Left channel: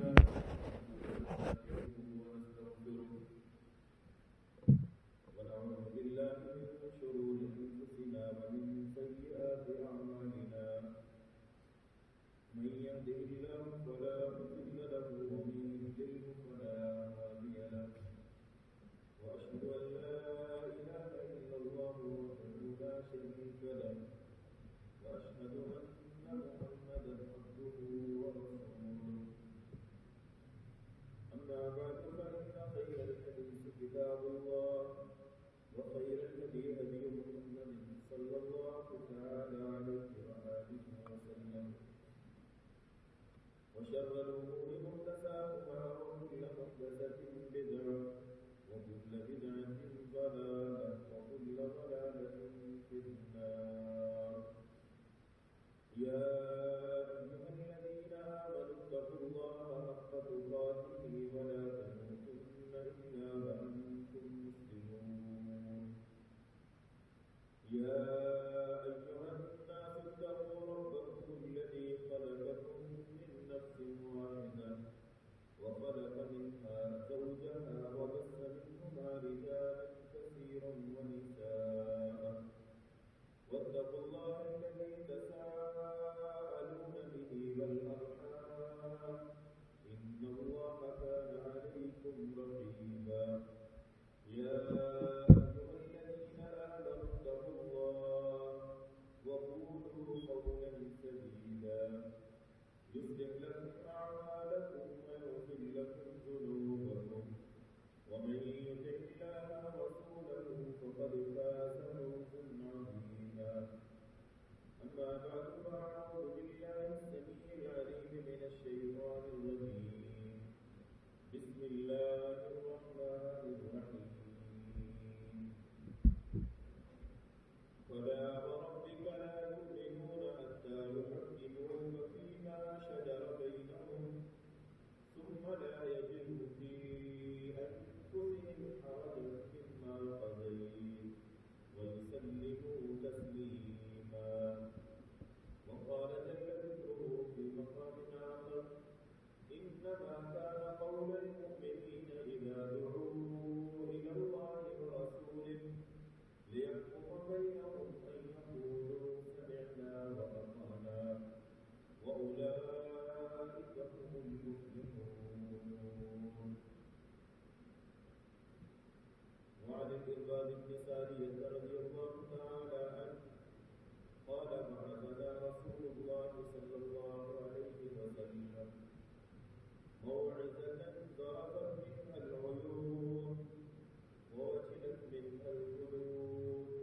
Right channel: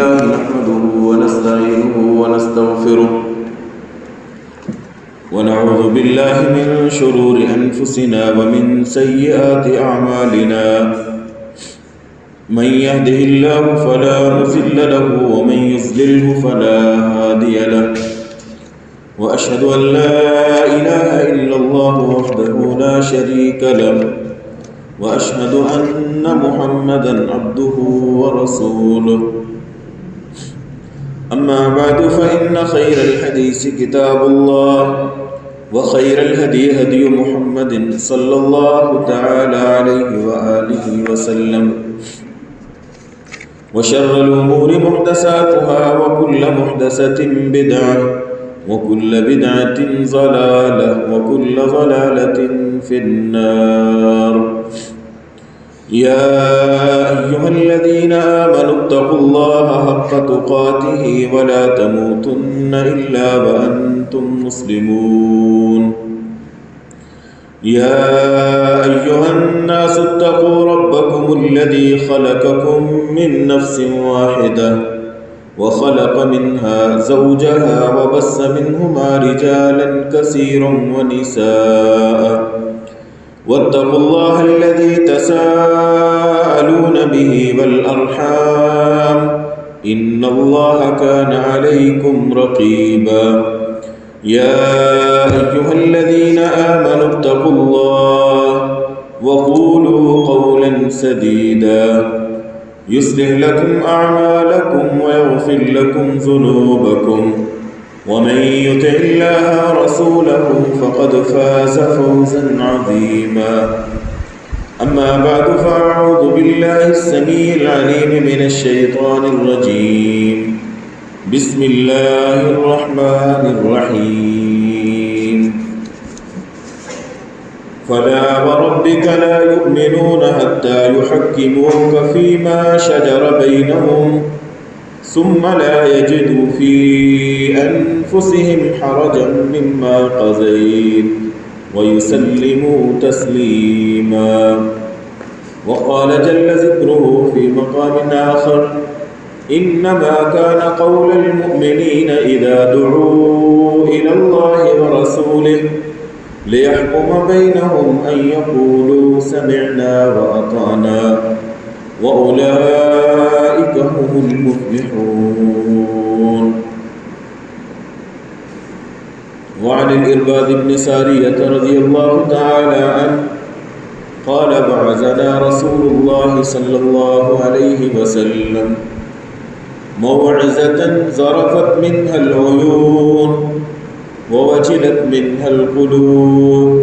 نحمده ونستعينه ونستغفره ونعوذ بالله من شرور أنفسنا ومن سيئات أعمالنا من يهده الله فلا مضل له ومن يضلله فلا هادي له وأشهد أن لا إله إلا الله وحده لا شريك له وأشهد أن محمدًا عبده ورسوله أما بعد فإن خير الحديث كتاب الله وخير الهدي هدي محمد صلى الله تعالى عليه وآله وسلم وشر الأمور محدثاتها وكل محدثة بدعة وكل بدعة ضلالة وكل ضلالة في النار يا أيها الذين آمنوا اتقوا الله حق تقاته ولا تموتن إلا وأنتم مسلمون يا أيها الناس اتقوا ربكم الذي خلقكم من نفس واحدة وخلق منها زوجها وبث منهما رجالا كثيرا ونساء واتقوا الله الذي تساءلون به والأرحام إن الله كان عليكم رقيبا يا أيها الذين آمنوا اتقوا الله وقولوا قولا سديدا يصلح لكم أعمالكم ويغفر لكم ذنوبكم ومن يطع الله ورسوله فقد فاز فوزا عظيما أما بعد فأعوذ بالله السميع العليم من الشيطان الرجيم بسم الله الرحمن الرحيم فلا وربك لا يؤمنون حتى يحكموك فيما شجر بينهم ثم لا يجدوا في أنفسهم حرجا مما قضيت ويسلموا تسليما وقال جل ذكره في مقام آخر إنما كان قول المؤمنين إذا دعوا إلى الله ورسوله ليحكم بينهم أن يقولوا سمعنا وأطعنا وأولئك هم المفلحون. وعن الإرباض بن سارية رضي الله تعالى عنه قال بعثنا رسول الله صلى الله عليه وسلم موعظة ذرفت منها العيون ووجلت منها القلوب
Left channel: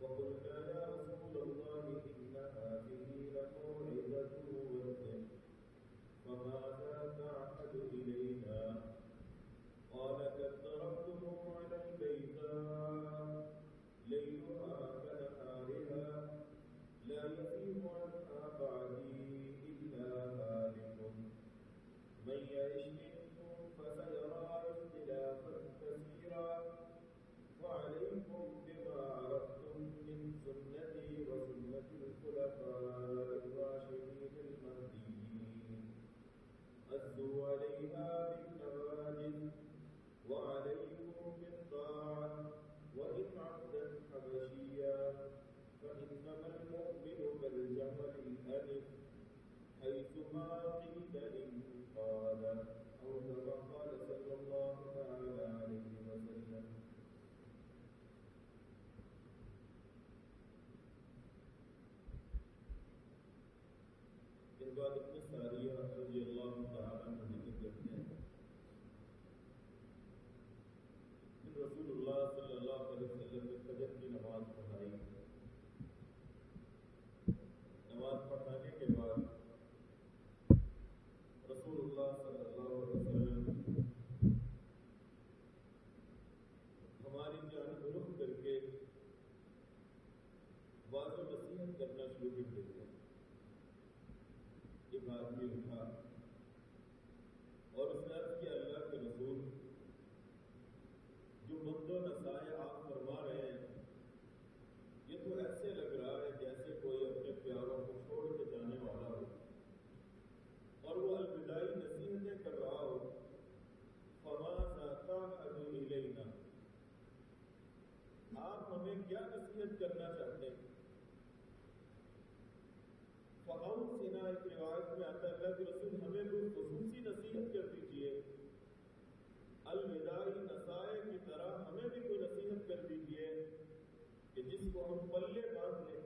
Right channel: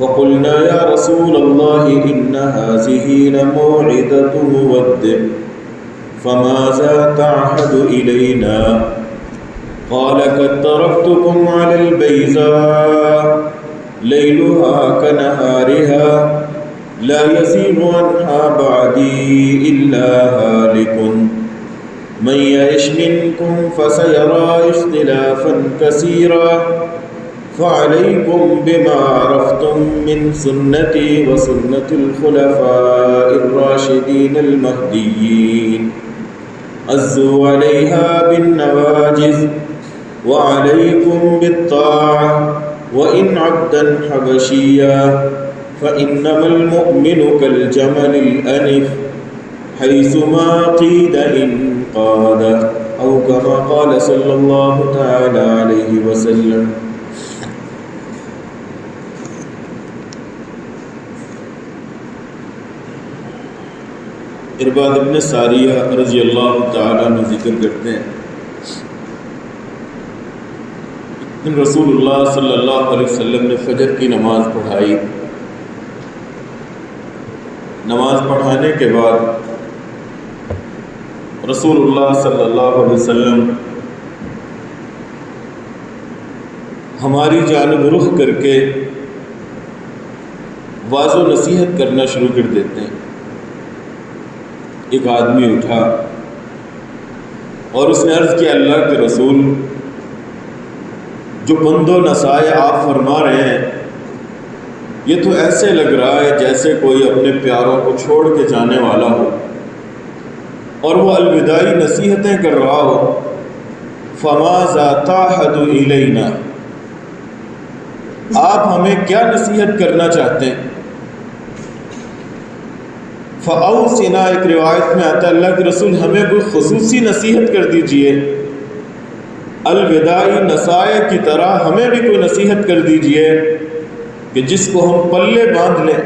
فقلنا يا رسول الله إن هذه لموعظة مودع فماذا تعهد إلينا؟ قال قد تركتكم على البيضاء ليلها كنهارها لا يزيغ عنها بعدي إلا هالك من يعش منكم فسيرى اختلافا كثيرا فعليكم بما عرفتم من سنتي وسنة الخلفاء الراشدين المهديين عزوا عليها بالنواجذ وعليكم بالطاعة وإن عبدا حبشيا فإنما المؤمن كالجمل الأنف حيثما قيد انقاد أو كما قال صلى الله تعالى عليه وسلم. ارباد ابن ساریہ رضی اللہ تعالیٰ عنہ ذکر کرتے ہیں کہ رسول اللہ صلی اللہ علیہ وسلم نے فجر کی نماز پڑھائی. نماز پڑھانے کے بعد رسول اللہ صلی اللہ علیہ وسلم ہماری جانب رخ کر کے واعظ و نصیحت کرنا شروع کر دیتے ہیں. ایک آدمی اٹھا اور اس نے عرض کیا اللہ کے رسول جو بند و نصائح آپ فرما رہے ہیں یہ تو ایسے لگ رہا ہے جیسے کوئی اپنے پیاروں کو چھوڑ کے جانے والا ہو. اور وہ الوداعی نصیحتیں کر رہا ہو، فَمَاذَا تَعْهَدُ إِلَيْنَا، آپ ہمیں کیا نصیحت کرنا چاہتے ہیں؟ فَأَوْصِنَا، ایک روایت میں آتا ہے اللہ کے رسول ہمیں کوئی خصوصی نصیحت کر دیجئے، الوداعی نصائح کی طرح ہمیں بھی کوئی نصیحت کر دیجئے کہ جس کو ہم پلے باندھ لیں۔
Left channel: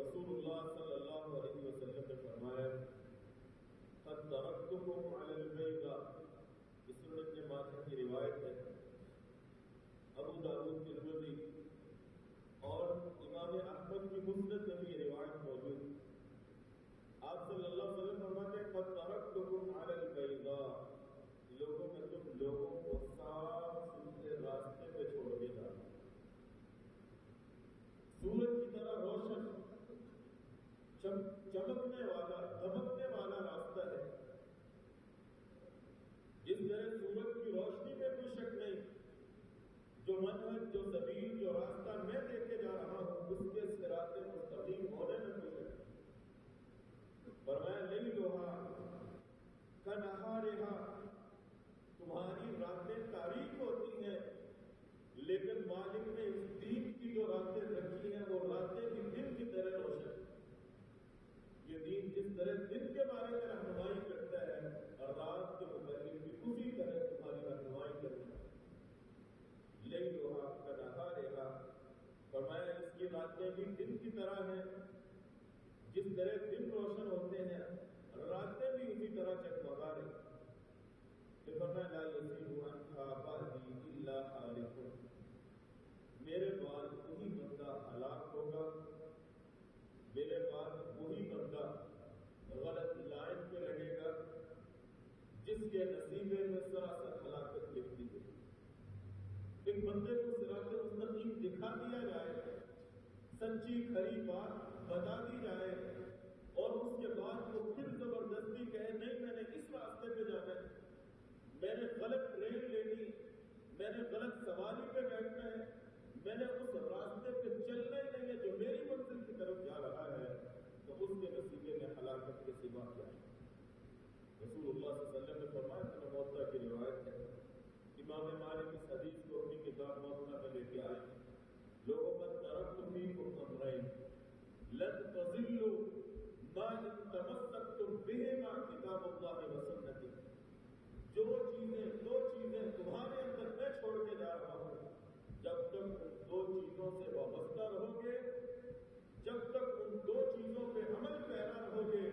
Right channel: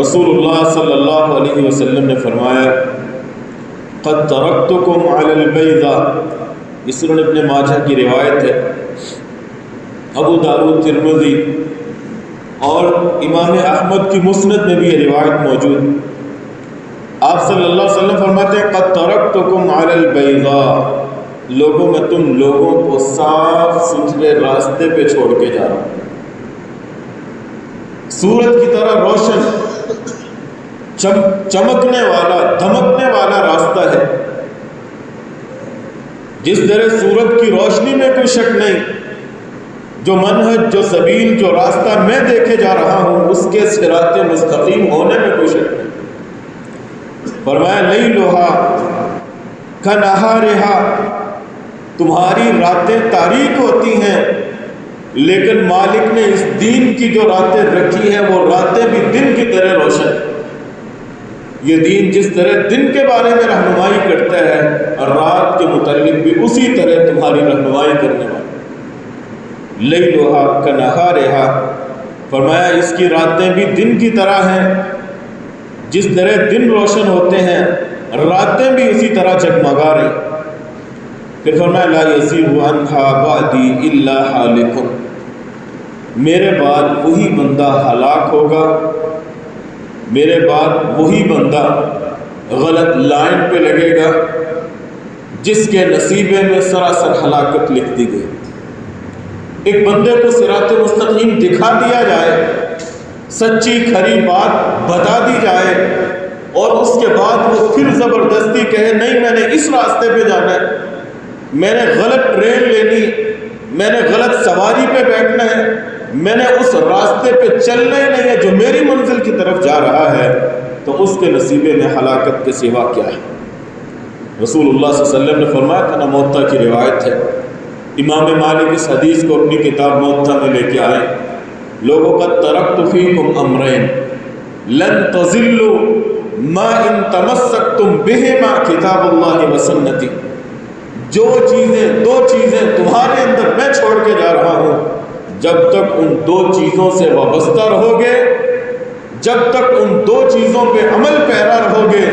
رسول اللہ صلی اللہ علیہ وسلم نے فرمایا قد ترکتکم علی البیضاء، یہ سنن ابن ماجہ کی روایت ہے، ابو داؤد، ترمذی اور امام احمد کی مسند میں بھی یہ روایت موجود۔ آپ صلی اللہ علیہ وسلم فرماتے ہیں قد ترکتکم علی البیضاء، لوگوں میں تم لوگوں کو صاف ستھرے راستے پہ چھوڑ کے جا رہا ہوں، سورج کی طرح روشن، چمکنے والا، دھمکنے والا راستہ ہے۔ جس طرح سورج کی روشنی میں کوئی شک نہیں، جو منہج، جو سبیل، جو راستہ میں دیکھے جا رہا ہوں اس کے صراط مستقیم ہونے میں کوئی شک نہیں۔ فرمایا لیلھا کنہارھا، تمہاری راتیں تاریک ہوتی ہیں لیکن مالک نے اس دین کی جو راتیں رکھی ہیں وہ راتیں بھی دن کی طرح روشن۔ یہ دین جس طرح دن کے بارے میں رہنمائی کرتا ہے اور رات کے متعلق بھی اسی طرح تمہاری رہنمائی کرنے والا۔ لیلھا کنہارھا، فرمایا اس کی راتیں بھی دن کی طرح ہیں، جس طرح دن روشن ہوتے ہیں راتیں بھی اسی طرح جگمگا رہی۔ پھر فرمایا لا یزیغ عنہا بعدی الا ہالک، میرے بعد وہی بندہ ہلاک ہوگا، میرے بعد وہی بندہ غلط لائن پہ لگے گا جس کے نصیبے میں سراسر ہلاکت لکھ دی گئی۔ ایک بندے کو صراط مستقیم دکھا دیا جائے، سچی کھری بات بتا دی جائے اور اس کے بعد وہ پھر زبردستی کہے نہیں میں نے اس راستے پہ جانا ہے، میں نے غلط ٹرین لینی، میں نے غلط سواری پہ بیٹھنا ہے، میں نے اس راستے پہ چلنا ہی نہیں ہے جو میری منزل کی طرف جا رہا ہے، تو اس کے نصیبے میں ہلاکت کے سوا کیا ہے؟ رسول اللہ صلی اللہ علیہ وسلم نے فرمایا تھا نا، موطا کی روایت ہے، امام مالک اس حدیث کو اپنی کتاب موطا میں لے کے آئے، لوگوں قد ترکت فیکم امرین لن تضلوا ما ان تمسکتم بہما کتاب اللہ وسنتی، جو چیزیں، دو چیزیں تمہارے اندر میں چھوڑ کے جا رہا ہوں، جب تک ان دو چیزوں سے وابستہ رہو گے، جب تک ان دو چیزوں پہ عمل پیرا رہو گے،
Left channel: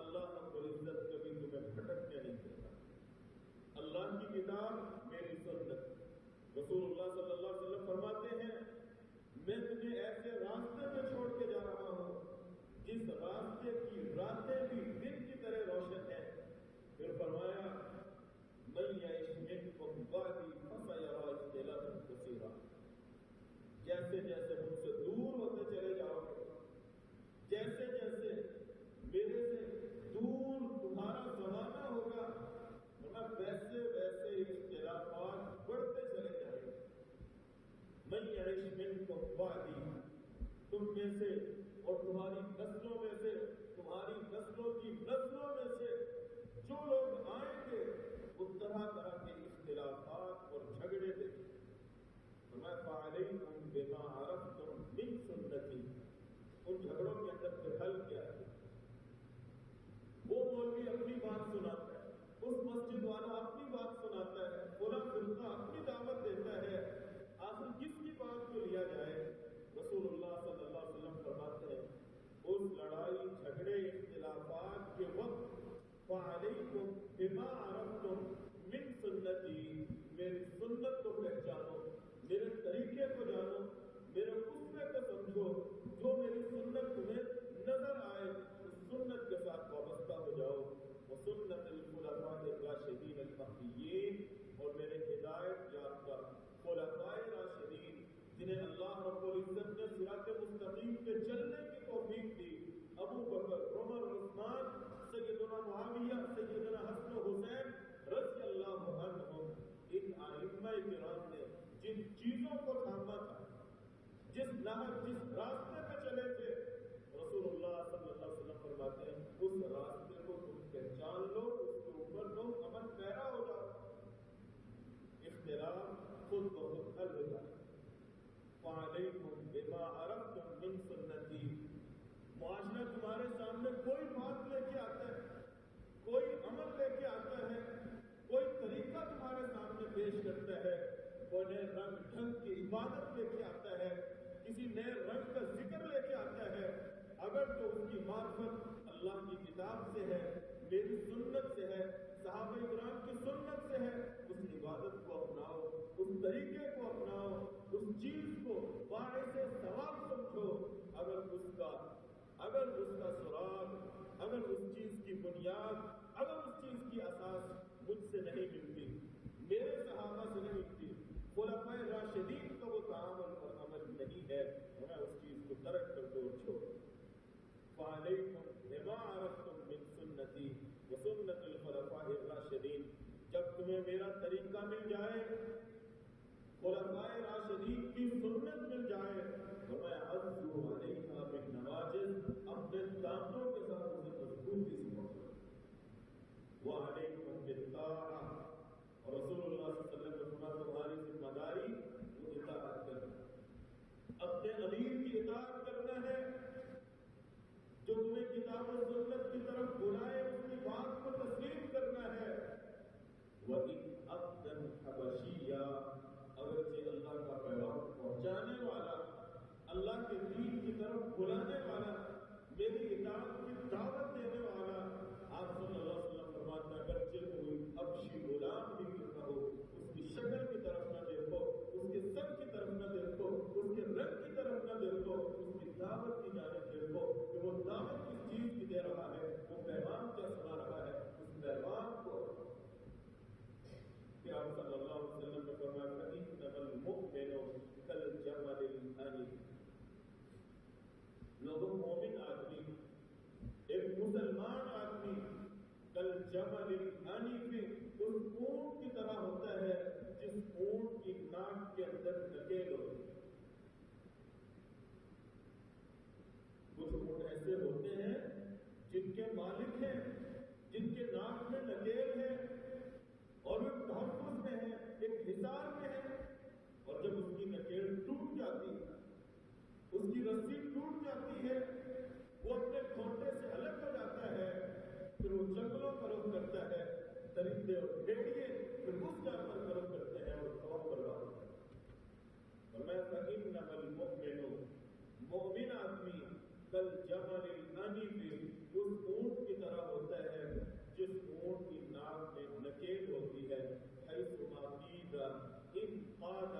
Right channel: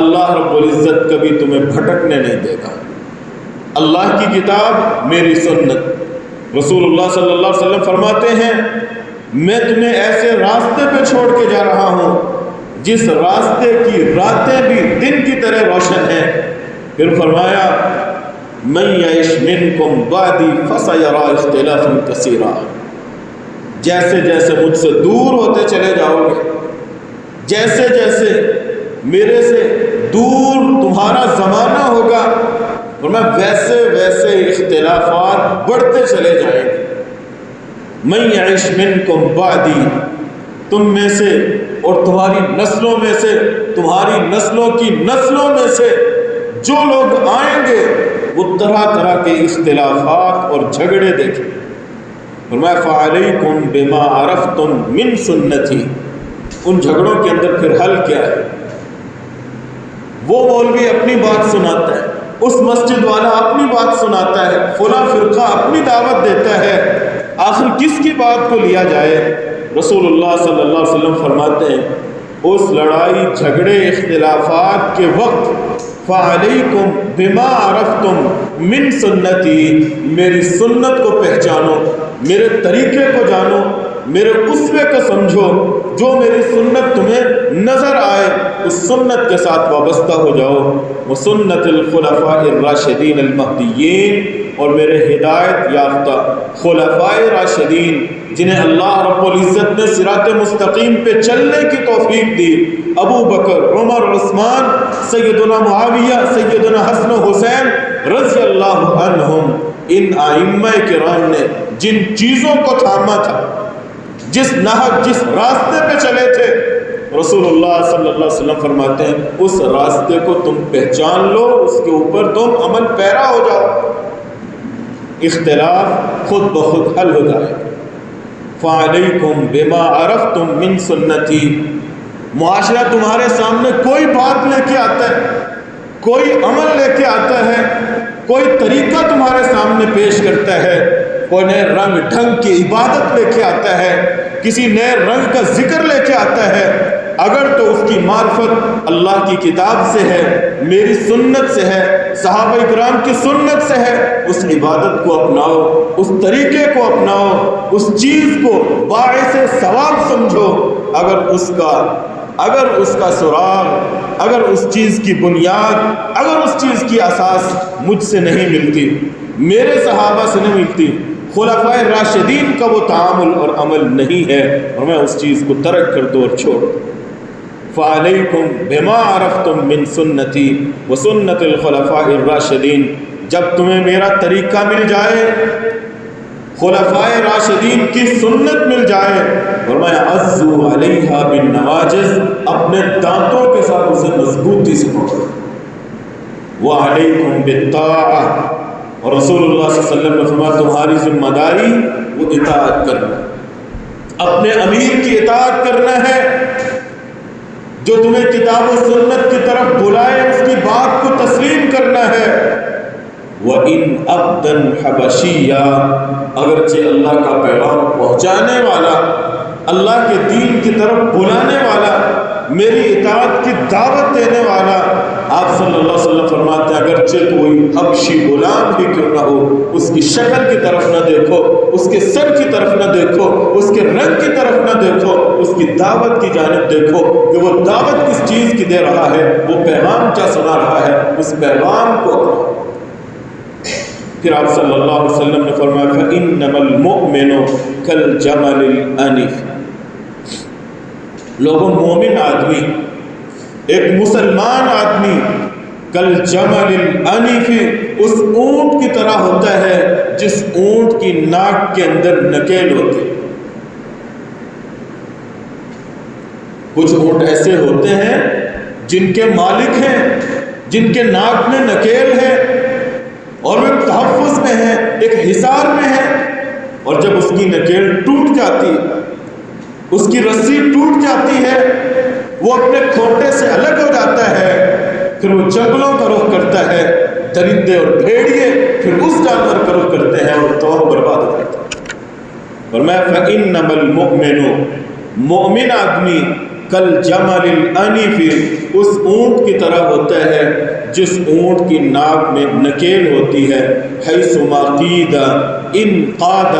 اللہ رب العزت کبھی تمہیں بھٹکنے نہیں دے گا۔ اللہ کی کتاب، میری سنت۔ رسول اللہ صلی اللہ علیہ وسلم فرماتے ہیں میں تمہیں ایسے راستے پہ چھوڑ کے جا رہا ہوں جس راستے کی راتیں بھی دن کی طرح روشن ہیں۔ پھر فرمایا من یعش منکم بعدی فسیری اختلافا کثیرا، جیسے جیسے مجھ سے دور ہوتے چلے جاؤ گے، جیسے جیسے میرے سے دور تمہارا زمانہ ہوگا، فرمایا ویسے ویسے اختلافات بڑھتے چلے جائیں گے۔ من یعش منکم بعدی، تم میں سے اور تمہاری نسلوں میں سے، تمہاری نسلوں کی نسلوں میں سے جو لوگ آئیں گے وہ طرح طرح کے اختلافات اور جھگڑے دیکھیں۔ فرمایا فعلیکم بما عرفتم من سنتی، ان جھگڑوں کے اندر پھر حل کیا ہے؟ وہ مولوی اپنی بات سناتا ہے، اس مسجد والا اپنی بات سناتا ہے، فلاں فرقہ اپنی دعوت دیتا ہے، آخر کس کی بات کو لیا جائے؟ رسول اللہ صلی اللہ علیہ وسلم فرماتے ہیں اس لڑائی جھگڑے اختلافات کے وقت فعلیکم بما عرفتم من سنتی، میری سنت کو پہچانو، میرے طریقے کو جانو، میرے اسوے کو سمجھو، جو میری سنت تمہیں نظر آئے اس سنت کے ساتھ وابستہ ہو جاؤ، وہ سنت الخلفاء الراشدین المہدیین، اور میرے ہدایت یافتہ خلفاء راشدین جنہیں اللہ رب العزت نے صراط مستقیم پہ چلنے کی توفیق دی، ابو بکر، عمر، عثمان، سیدنا معاویہ، سیدنا حسن و حسین رضی اللہ عنہم، ان ائمہ کرام نے جن چیزوں کو تھاما تھا، جس نہج، جس راستے پہ چلے تھے، رسول اللہ صلی اللہ علیہ وسلم فرماتے ہیں اس راستے کو تم پہچان لو، اس کے اوپر تم عمل پیرا ہو جاؤ، اختلاف خود بخود حل ہو جائے۔ فَعَلَيْكُمْ بِمَا عَرَفْتُم مِّن سُنَّتِي، معاشرہ تمہارے سامنے کوئی بات لے کے آتا ہے، کوئی عمل لے کے آتا ہے، کوئی طریقہ تمہارے سامنے پیش کرتا ہے، کوئی نئے رنگ ڈھنگ کی عبادت لے کے آتا ہے، کسی نئے رنگ کا ذکر لے کے آتا ہے، اگر تو اس کی معرفت اللہ کی کتاب سے ہے، میری سنت سے ہے، صحابہ کرام کی سنت سے ہے، اس عبادت کو اپناؤ، اس طریقے کو اپناؤ، اس چیز کو باعث ثواب سمجھو۔ اگر اس کا سراغ، اگر اس چیز کی بنیاد، اگر اس چیز کی اساس مجھ سے نہیں ملتی، میرے صحابہ سے نہیں ملتی، خلفائے راشدین کا وہ تعامل اور عمل نہیں ہے، اور میں اس چیز کو ترک کر دو اور چھوڑ دو۔ فَعَلَيْكُمْ بِمَا عَرَفْتُم مِّن سُنَّتِي وَسُنَّتِ الْخُلَفَاءِ الرَّاشِدِينَ، جب تمہیں میرا طریقہ مل جائے، خلفائے راشدین کی سنت مل جائے، اور میں عَضُّوا عَلَيْهَا بِالنَّوَاجِذ، اپنے دانتوں کے ساتھ اسے مضبوطی سے پکڑو۔ وَعَلَيْكُمْ بِالطَّاعَةِ، اور رسول اللہ صلی اللہ علیہ وسلم نے فرمایا تمہاری ذمہ داری وہ اطاعت کرنا، اپنے امیر کی اطاعت کرنا ہے، جو تمہیں کتاب و سنت کی طرف بلائے اس کی بات کو تسلیم کرنا ہے۔ وَإِنْ عَبْدًا حَبَشِيًّا، اگرچہ اللہ کا پیغام پہنچانے والا، اللہ کے دین کی طرف بلانے والا، میری اطاعت کی دعوت دینے والا، آپ صلی اللہ علیہ وسلم فرماتے ہیں اگرچہ کوئی حبشی غلام بھی کیوں نہ ہو، اس کی شکل کی طرف نہ دیکھو، اس کے سر کی طرف نہ دیکھو، اس کے رنگ کی طرف نہ دیکھو، اس کی دعوت کی جانب دیکھو کہ وہ دعوت کس چیز کی دے رہا ہے، وہ پیغام کیا سنا رہا ہے، اس پیغام کو اپناؤ۔ پھر آپ صلی اللہ علیہ وسلم نے فرمایا فَإِنَّمَا الْمُؤْمِنُ كَالْجَمَلِ الْأَنِفِ، لوگوں مومن آدمی، ایک مسلمان آدمی، کالجمل الانف، اس اونٹ کی طرح ہوتا ہے جس اونٹ کی ناک کے اندر نکیل ہوتی۔ کچھ اونٹ ایسے ہوتے ہیں جن کے مالک ہیں، جن کے ناک میں نکیل ہے اور وہ تحفظ میں ہے، ایک حصار میں ہے، اور جب اس کی نکیل ٹوٹ جاتی، اس کی رسی ٹوٹ جاتی ہے، وہ اپنے کھوٹے سے الگ ہو جاتا ہے، پھر وہ جنگلوں کا رخ کرتا ہے، درندے اور بھیڑیے پھر اس جانور کا رخ کرتے ہیں اور تو برباد ہو جاتا ہے۔ اور میں فَإِنَّمَا الْمُؤْمِنُ، مومن آدمی، کالجمل الانف، اس اونٹ کی طرح ہوتا ہے جس اونٹ کی ناک میں نکیل ہوتی ہے، حیث ما قید انقاد،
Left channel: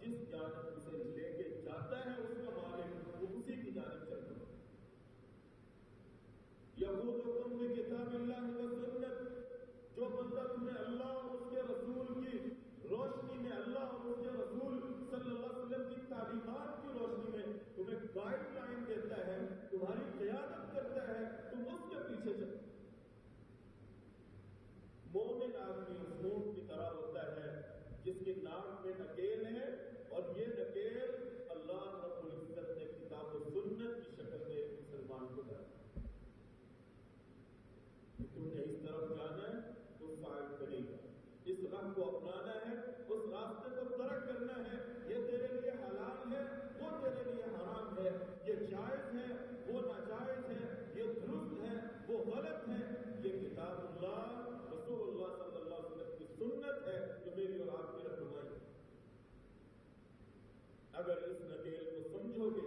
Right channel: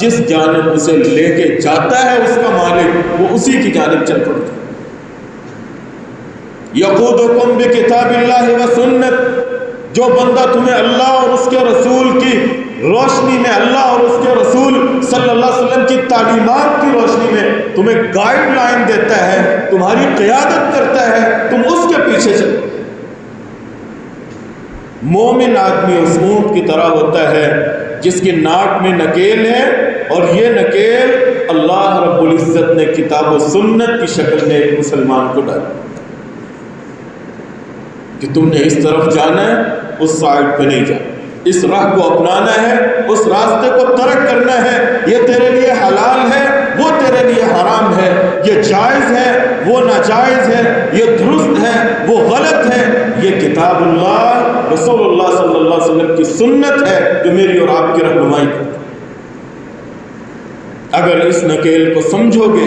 جس جانب اسے لے کے جاتا ہے اس کا مالک، وہ اسی کی جانب چل پڑتا ہے۔ یقودکم بکتاب اللہ و سنت، جو بندہ تمہیں اللہ اور اس کے رسول کی روشنی میں، اللہ اور اس کے رسول صلی اللہ علیہ وسلم کی تعلیمات کی روشنی میں تمہیں گائیڈ لائن دیتا ہے، تمہاری قیادت کرتا ہے، تم اس کے پیچھے چلو۔ مومن آدمی اس اونٹ کی طرح ہوتا ہے جس کی ناک میں نکیل ہے، اور یہ نکیل اللہ رب العزت نے کتاب و سنت کی شکل میں ایک مسلمان کو ڈالا کہ تم نے اس طرف جانا ہے، اس سائڈ پہ نہیں جانا، اس راہ کو اپنانا ہے، اس راستے کو ترک کرنا ہے، یہ تیرے لیے حلال ہے، وہ تیرے لیے حرام ہے، یہ جائز ہے، وہ ناجائز ہے، یہ درست ہے، وہ غلط ہے۔ یہ کتاب اللہ، رسول اللہ صلی اللہ علیہ وسلم کی سنت ہے جو میری اور آپ کی رہنمائی کرتی ہے۔ اگر اس نکیل کو سمجھو گے،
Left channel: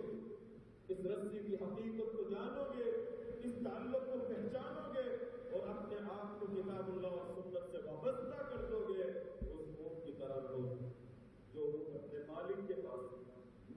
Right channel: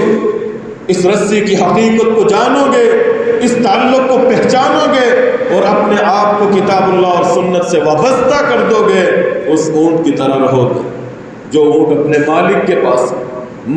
اس رسی کی حقیقت کو جانو گے، اس تعلق کو پہچانو گے اور اپنے آپ کو کتاب اللہ اور سنت سے وابستہ کر دو گے، اس اونٹ کی طرح رہو گے جو اونٹ اپنے مالک کے پاس،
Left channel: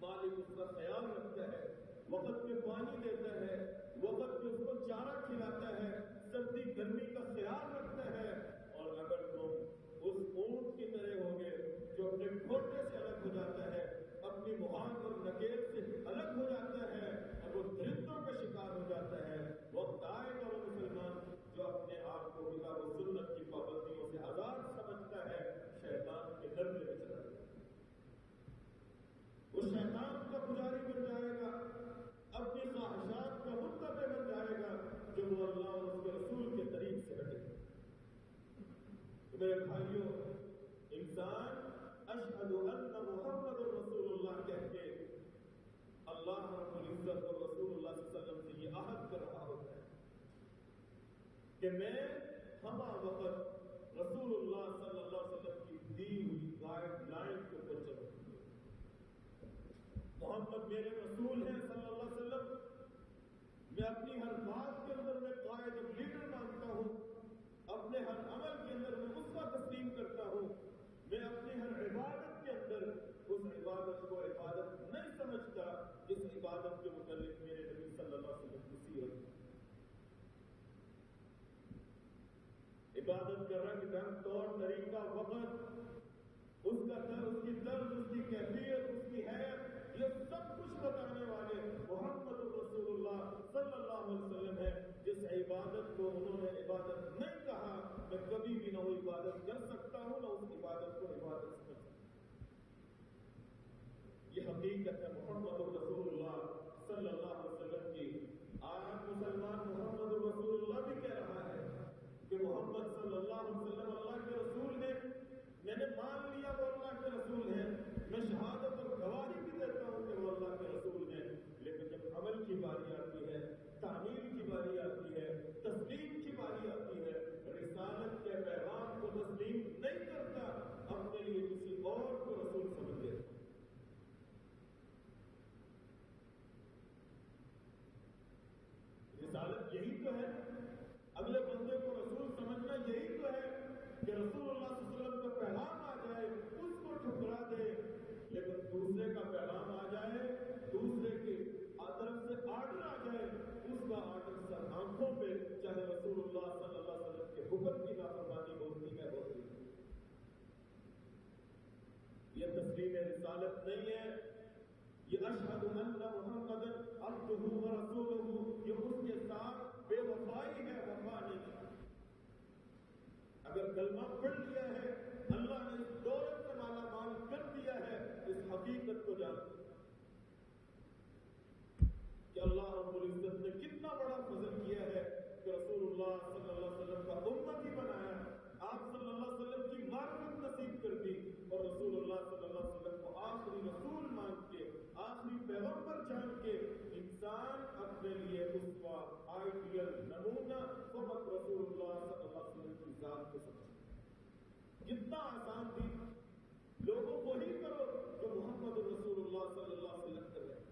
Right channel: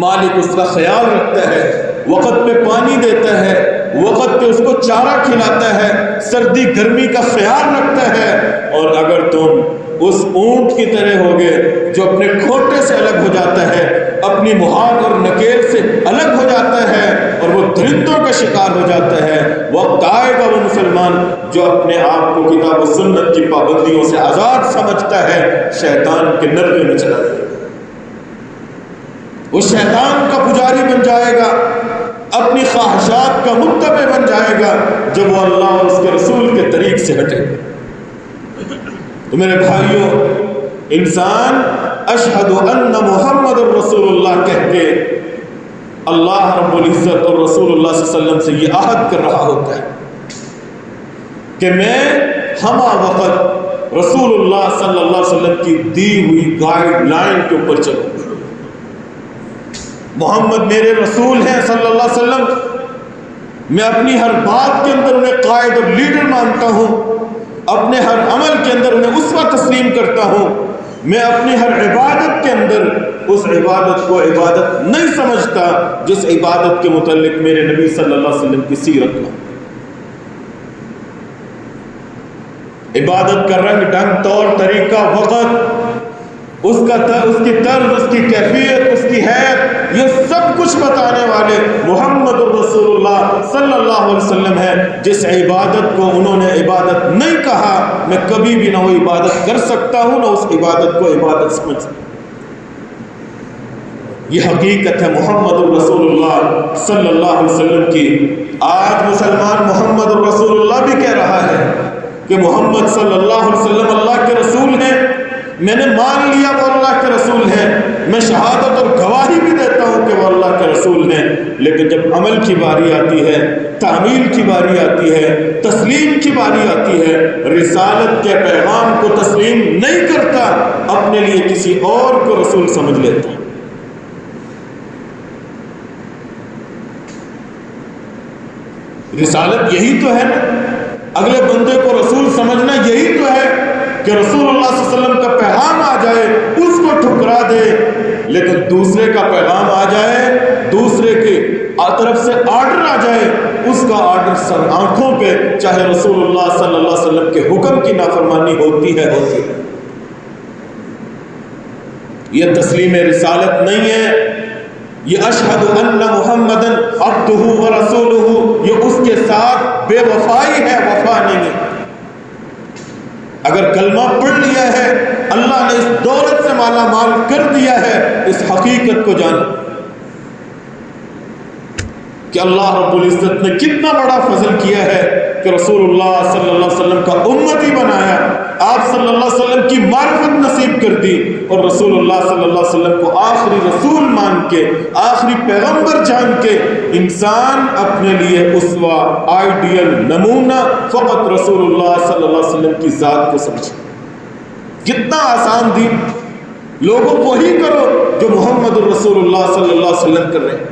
مالک اس کا خیال رکھتا ہے، وقت پہ پانی دیتا ہے، وقت پہ اس کو چارہ کھلاتا ہے، سردی گرمی کا خیال رکھتا ہے۔ اور اگر تم اس اونٹ کی طرح ہوگے جو اپنے کھوٹے سے الگ ہو جاتا ہے، اپنی مہار اور نکیل سے الگ ہو جاتا ہے اور وہ درندوں کا شکار ہو جاتا ہے، وقت آئے گا وہ مسلمان جو اپنے آپ کو کتاب و سنت کی پابندیوں سے آزاد سمجھتا ہے، شیطان کے نرغے میں چلا جائے گا، وہ شیطان کا پجاری بن جائے گا، اپنی خواہشات کا متبع بن جائے گا جب وہ اللہ اور اس کے رسول کے طریق سے ہٹے گا۔ تو میرے بھائیوں، انسان اشہد ان محمد الرسول اللہ کہہ کے اللہ رب العزت اور رسول اللہ صلی اللہ علیہ وسلم سے یہ عہد کر رہا ہوتا ہے کہ میں ہمہ وقت رسول اللہ صلی اللہ علیہ وسلم کی دی ہوئی گائیڈ لائن کے اوپر چلوں۔ محمد میرے رسول ہیں صلی اللہ علیہ وسلم، میں اپنی ہر بات کے اندر انہیں قائد اور لیڈر مانتا ہوں، اپنے ہر عمل کے اندر انہیں اسوہ تسلیم کرتا ہوں، میں اپنی ہر عبادت کے اندر اس عبادت کو عبادت نہیں سمجھتا جس عبادت کے متعلق میرے نبی صلی اللہ علیہ وسلم کی سیرت میں۔ عبادت کا رنگ ڈھنگ، طور طریقہ، وقت، اس کی طرز، اس کی کیفیت، اس کی حیثیت، یہ سب کچھ بتانے والے محمد الرسول اللہ صلی اللہ علیہ وسلم ہے۔ جس عبادت کو انہوں نے عبادت نہیں کہا، میں کبھی بھی نہ وہ عبادت کر سکتا ہوں، نہ اس عبادت کو عبادت سمجھ سکتا۔ یہ حقیقت ہے محمد الرسول اللہ صلی اللہ علیہ وسلم کی۔ آج مسلمان محمد الرسول اللہ بھی کہہ رہا ہے کہ محمد صلی اللہ علیہ وسلم اللہ کے رسول ہیں، میں نے مان لیا وہ اللہ کے رسول ہیں، میں شہادت اور گواہی بھی دیتا ہوں کہ وہ اللہ کے رسول ہیں، لیکن جب عمل کی باری آتی ہے، تعمیل کی باری آتی ہے، تسلیم کی باری آتی ہے، رسالت کے پیغام کو تسلیم نہیں کرتا، اپنے لیے کسی اور کو رسول سمجھ لیتا۔ رسالت یہی تو ہے نا، اگلے بندے کو رسول سمجھنا یہی تو ہے کہ رسول اللہ صلی اللہ علیہ وسلم کا پیغام آ جائے اس کو ٹھکرا دے، لیکن دوسرے کا پیغام آ جائے، دوسرے کی طرف سے آرڈر آ جائے، اس کا آرڈر سر آنکھوں پہ، چاہے رسول اللہ صلی اللہ علیہ وسلم کے حکم کی نافرمانی ہوتی ہے۔ یہ تسلیم رسالت نہیں ہے، یہ اشہد ان محمدن عبدہ ورسولہ، یہ اس کے ساتھ بے وفائی ہے، وفا نہیں ہے۔ اگر کلمہ پڑھ لیا ہے، اللہ نے اس دولت سے مالا مال کر دیا ہے، اس حقیقت کو جان کہ اللہ رب العزت نے کتنا بڑا فضل کیا ہے کہ رسول اللہ صلی اللہ علیہ وسلم کا امتی بنایا، آپ صلی اللہ علیہ وسلم کی معرفت نصیب کر دی، اور رسول اللہ صلی اللہ علیہ وسلم کو آخری رسول مان کے، آخری پیغمبر جان کے، انسان اپنے لیے اسوہ، آئیڈیل، نمونہ فقط رسول اللہ صلی اللہ علیہ وسلم کی ذات کو سمجھے۔ کتنا آسان دین، لوگوں وہی کرو جو محمد الرسول اللہ صلی اللہ علیہ وسلم کر رہے ہیں۔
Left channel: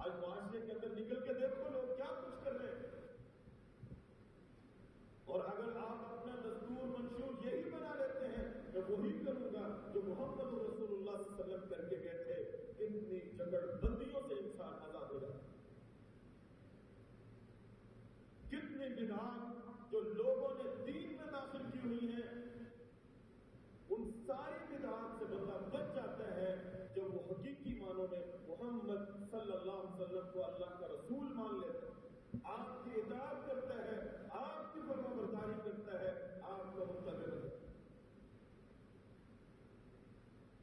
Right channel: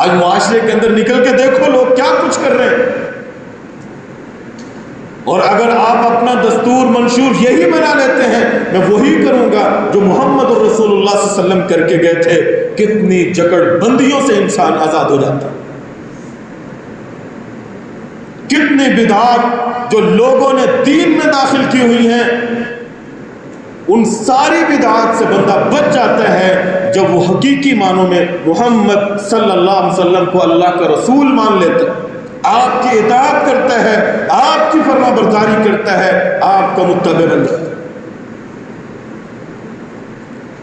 آج معاشرے کے اندر نکل کے دیکھو لوگ کیا کچھ کر رہے ہیں، اور اگر آپ اپنا دستور منشور یہی بنا لیتے ہیں میں وہی کروں گا جو محمد الرسول اللہ صلی اللہ علیہ وسلم کر کے گئے تھے، کتنی جکڑ بندیوں سے انسان آزاد ہو جاتا، کتنی بدعات جو لوگوں نے دین میں داخل کی ہوئی ہیں، ان ساری بدعات سے بندہ بچ جاتا ہے جب وہ حقیقی معنوں میں محمد صلی اللہ علیہ وسلم کو اللہ کا رسول مان لیتا ہے، آپ کی اطاعت کرتا ہے، آپ کی فرما برداری کرتا ہے، آپ کا متبع بن جاتا ہے۔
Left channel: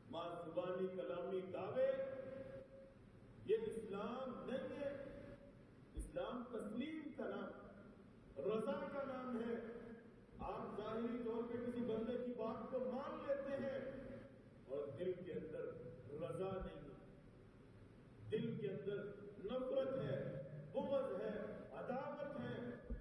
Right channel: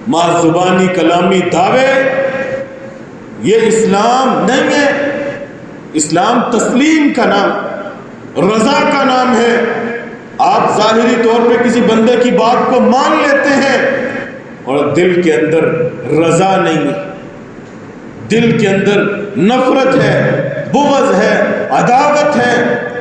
ماں زبانی کلامی دعوے یہ اسلام نہیں ہے۔ اسلام تسلیم کا نام، رضا کا نام ہے۔ آپ ظاہری طور پہ کسی بندے کی بات کو مان لیتے ہیں اور دل کے اندر رضا نہیں ہے، دل کے اندر نفرت ہے، بغض ہے، عداوت ہے۔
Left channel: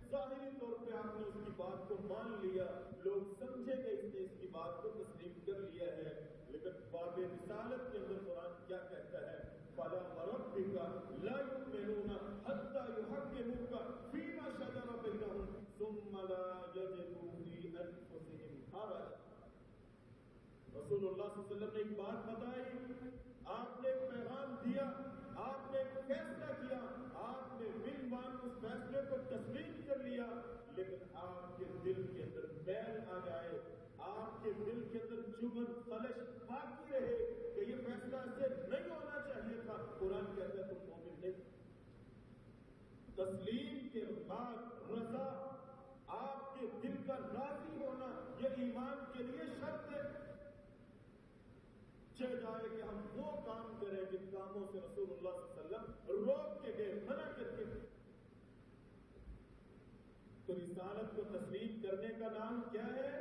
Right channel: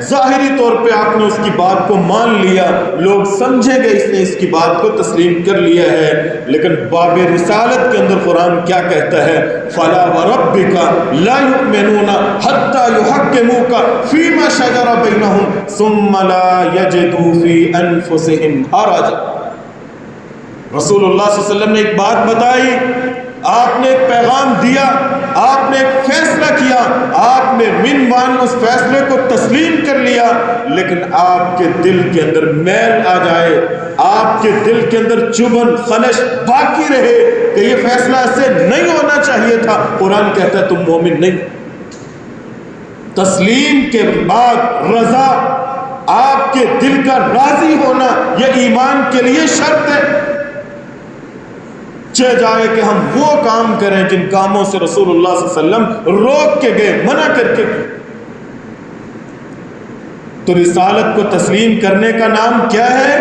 ظاہری طور پہ آپ نے اس کی بات کو مان لیا، لوگ سمجھیں گے اس نے اس کی بات کو تسلیم کر لیا ہے، لیکن باب رسالت کے اندر قرآن کیا کہتا ہے؟ فَلَا وَرَبِّكَ لَا يُؤْمِنُونَ حَتَّى يُحَكِّمُوكَ فِي مَا شَجَرَ بَيْنَهُمْ ثُمَّ لَا يَجِدُوا فِي أَنفُسِهِمْ حَرَجًا۔ رسول اللہ صلی اللہ علیہ وسلم نے ایک بات بتائی، آپ نے ایک پیغام دیا، آپ نے ایک فیصلہ کیا، آپ نے منوان اس فیصلے کو تسلیم کر لیا، لیکن آپ کے دل کے اندر میل آ جائے، آپ کے دل کے اندر چبھن خلش باقی رہے کہ یہ فیصلہ ایسے نہیں ہونا چاہیے تھا، قرآن کہتا ہے تم مومن نہیں۔ تسلیم کے بعد رضا، آپ کے دل کا راضی ہونا، یہ ایمان کے لیے شرط ہے۔ چہ جائے کہ ہم وہ کام کریں جن کاموں سے رسول اللہ صلی اللہ علیہ وسلم روک کے گئے، منع کر کے گئے۔ تو رسالت کو تسلیم کرنے کا نام کیا ہے؟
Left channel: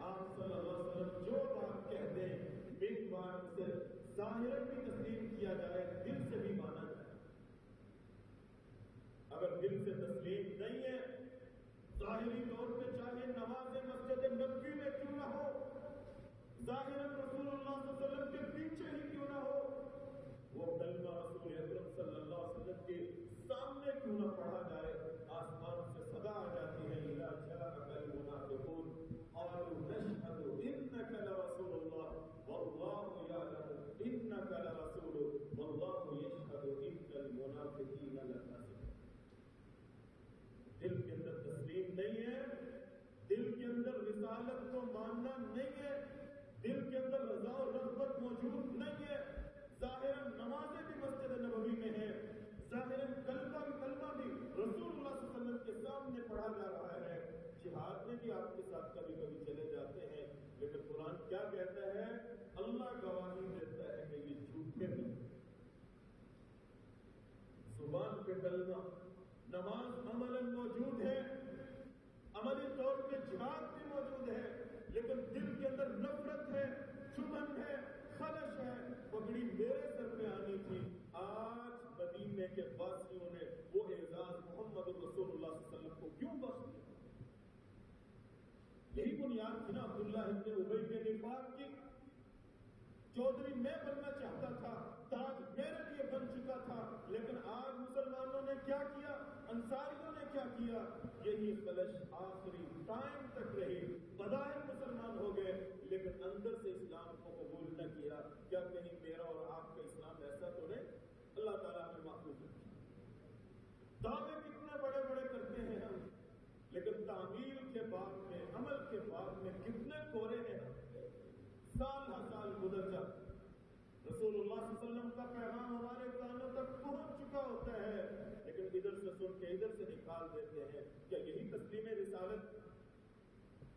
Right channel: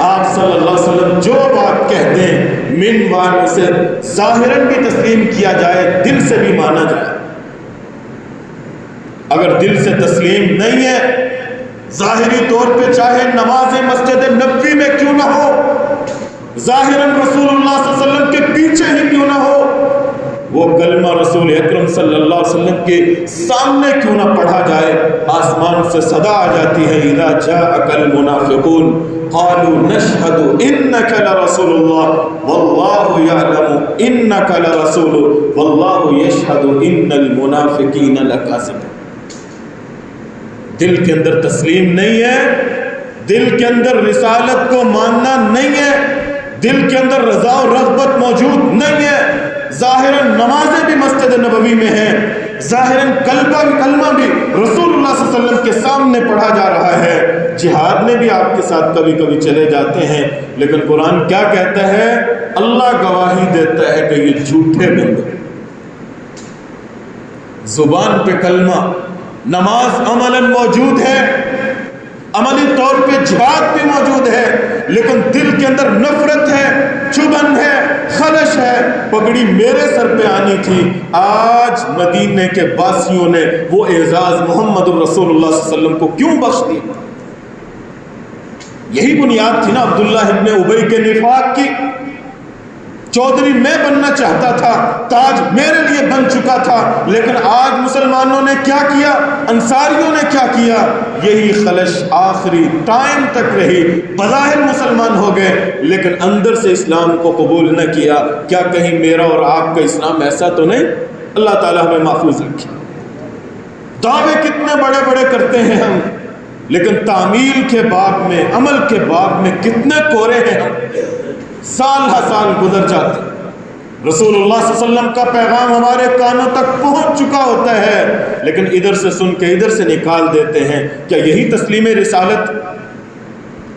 آپ صلی اللہ علیہ وسلم جو بات کہہ دیں من وان اسے ظاہراً بھی تسلیم کیا جائے، دل سے بھی مانا جائے۔ اگر دل سے تسلیم نہیں ہے، ظاہری طور پہ چاہے نماز مسجد نبوی میں کیوں نہ ہو، ظاہراً رسول اللہ صلی اللہ علیہ وسلم کے پیچھے ہی کیوں نہ ہو، وہ کلمہ رسول اکرم صلی اللہ علیہ وسلم کے سامنے کیوں نہ پڑھا جائے، آسمان سے صدا آ جاتی ہے اذا جاءک المنافقون قالوا نشهد انك لرسول الله والله يعلم انك لرسول والله يشهد ان المنافقين لكاذبون۔ دل کے اندر تسلیم نہیں ہے، دل کے اندر رسالت کو ماننا نہیں ہے، دل کے اندر رضا و رغبت موجود نہیں ہے، ظاہراً نمازیں بھی مسجد نبوی میں ہیں، ظاہراً کلمہ بھی رسول اللہ صلی اللہ علیہ وسلم کے سامنے پڑھا جا رہا ہے، جہاد میں بھی آپ کے ساتھ کبھی کبھی چلے جاتے ہیں، لیکن قرآن کیا کہتا ہے؟ اللہ گواہی دیتا ہے کہ یہ جھوٹے بندے۔ زبان پہ کلمہ، نماز عملاً موجود ہے، عملی طور پہ جہاد بھی موجود ہے، لیکن دل کے اندر نفرت ہے، چبھن ہے، خلش ہے۔ پگڑی میرے سر پہ آنی تھی، آج مدینے کے باسیوں نے وہ اعزاز محمد الرسول اللہ صلی اللہ علیہ وسلم کو کیوں بخش دیا؟ یہی بنیاد تھی نا عبداللہ ابن ابی کے نفاق کی۔ چودھری میں بننا چاہتا تھا، تاج میرے لیے بن چکا تھا، لیکن آج مسلمانوں نے کیا کیا، انصاریوں نے کیا کیا؟ یہی خلش آخری ٹائم تک رہی، بظاہر مسلمان ہو گئے لیکن اندر سے اسلام کو قبول نہ کیا۔ کیا کہیں میرا اور آپ کا اسلام ایسا تو نہیں؟ اللہ تعالیٰ ہمیں محفوظ رکھے۔ دعوے کتنے بڑے بڑے کرتے ہیں ہم، لیکن تعمیل کے باب میں، عمل کے باب میں کتنے کورے ہیں ہم، سال ہر سال گزر جاتے۔ رسول اللہ صلی اللہ علیہ وسلم کا پیغام ہمارے کانوں تک پہنچ چکا ہوتا ہے، لیکن ادھر سے سن کے ادھر سے نکال دیتے ہیں۔ کیا یہی تسلیم رسالت؟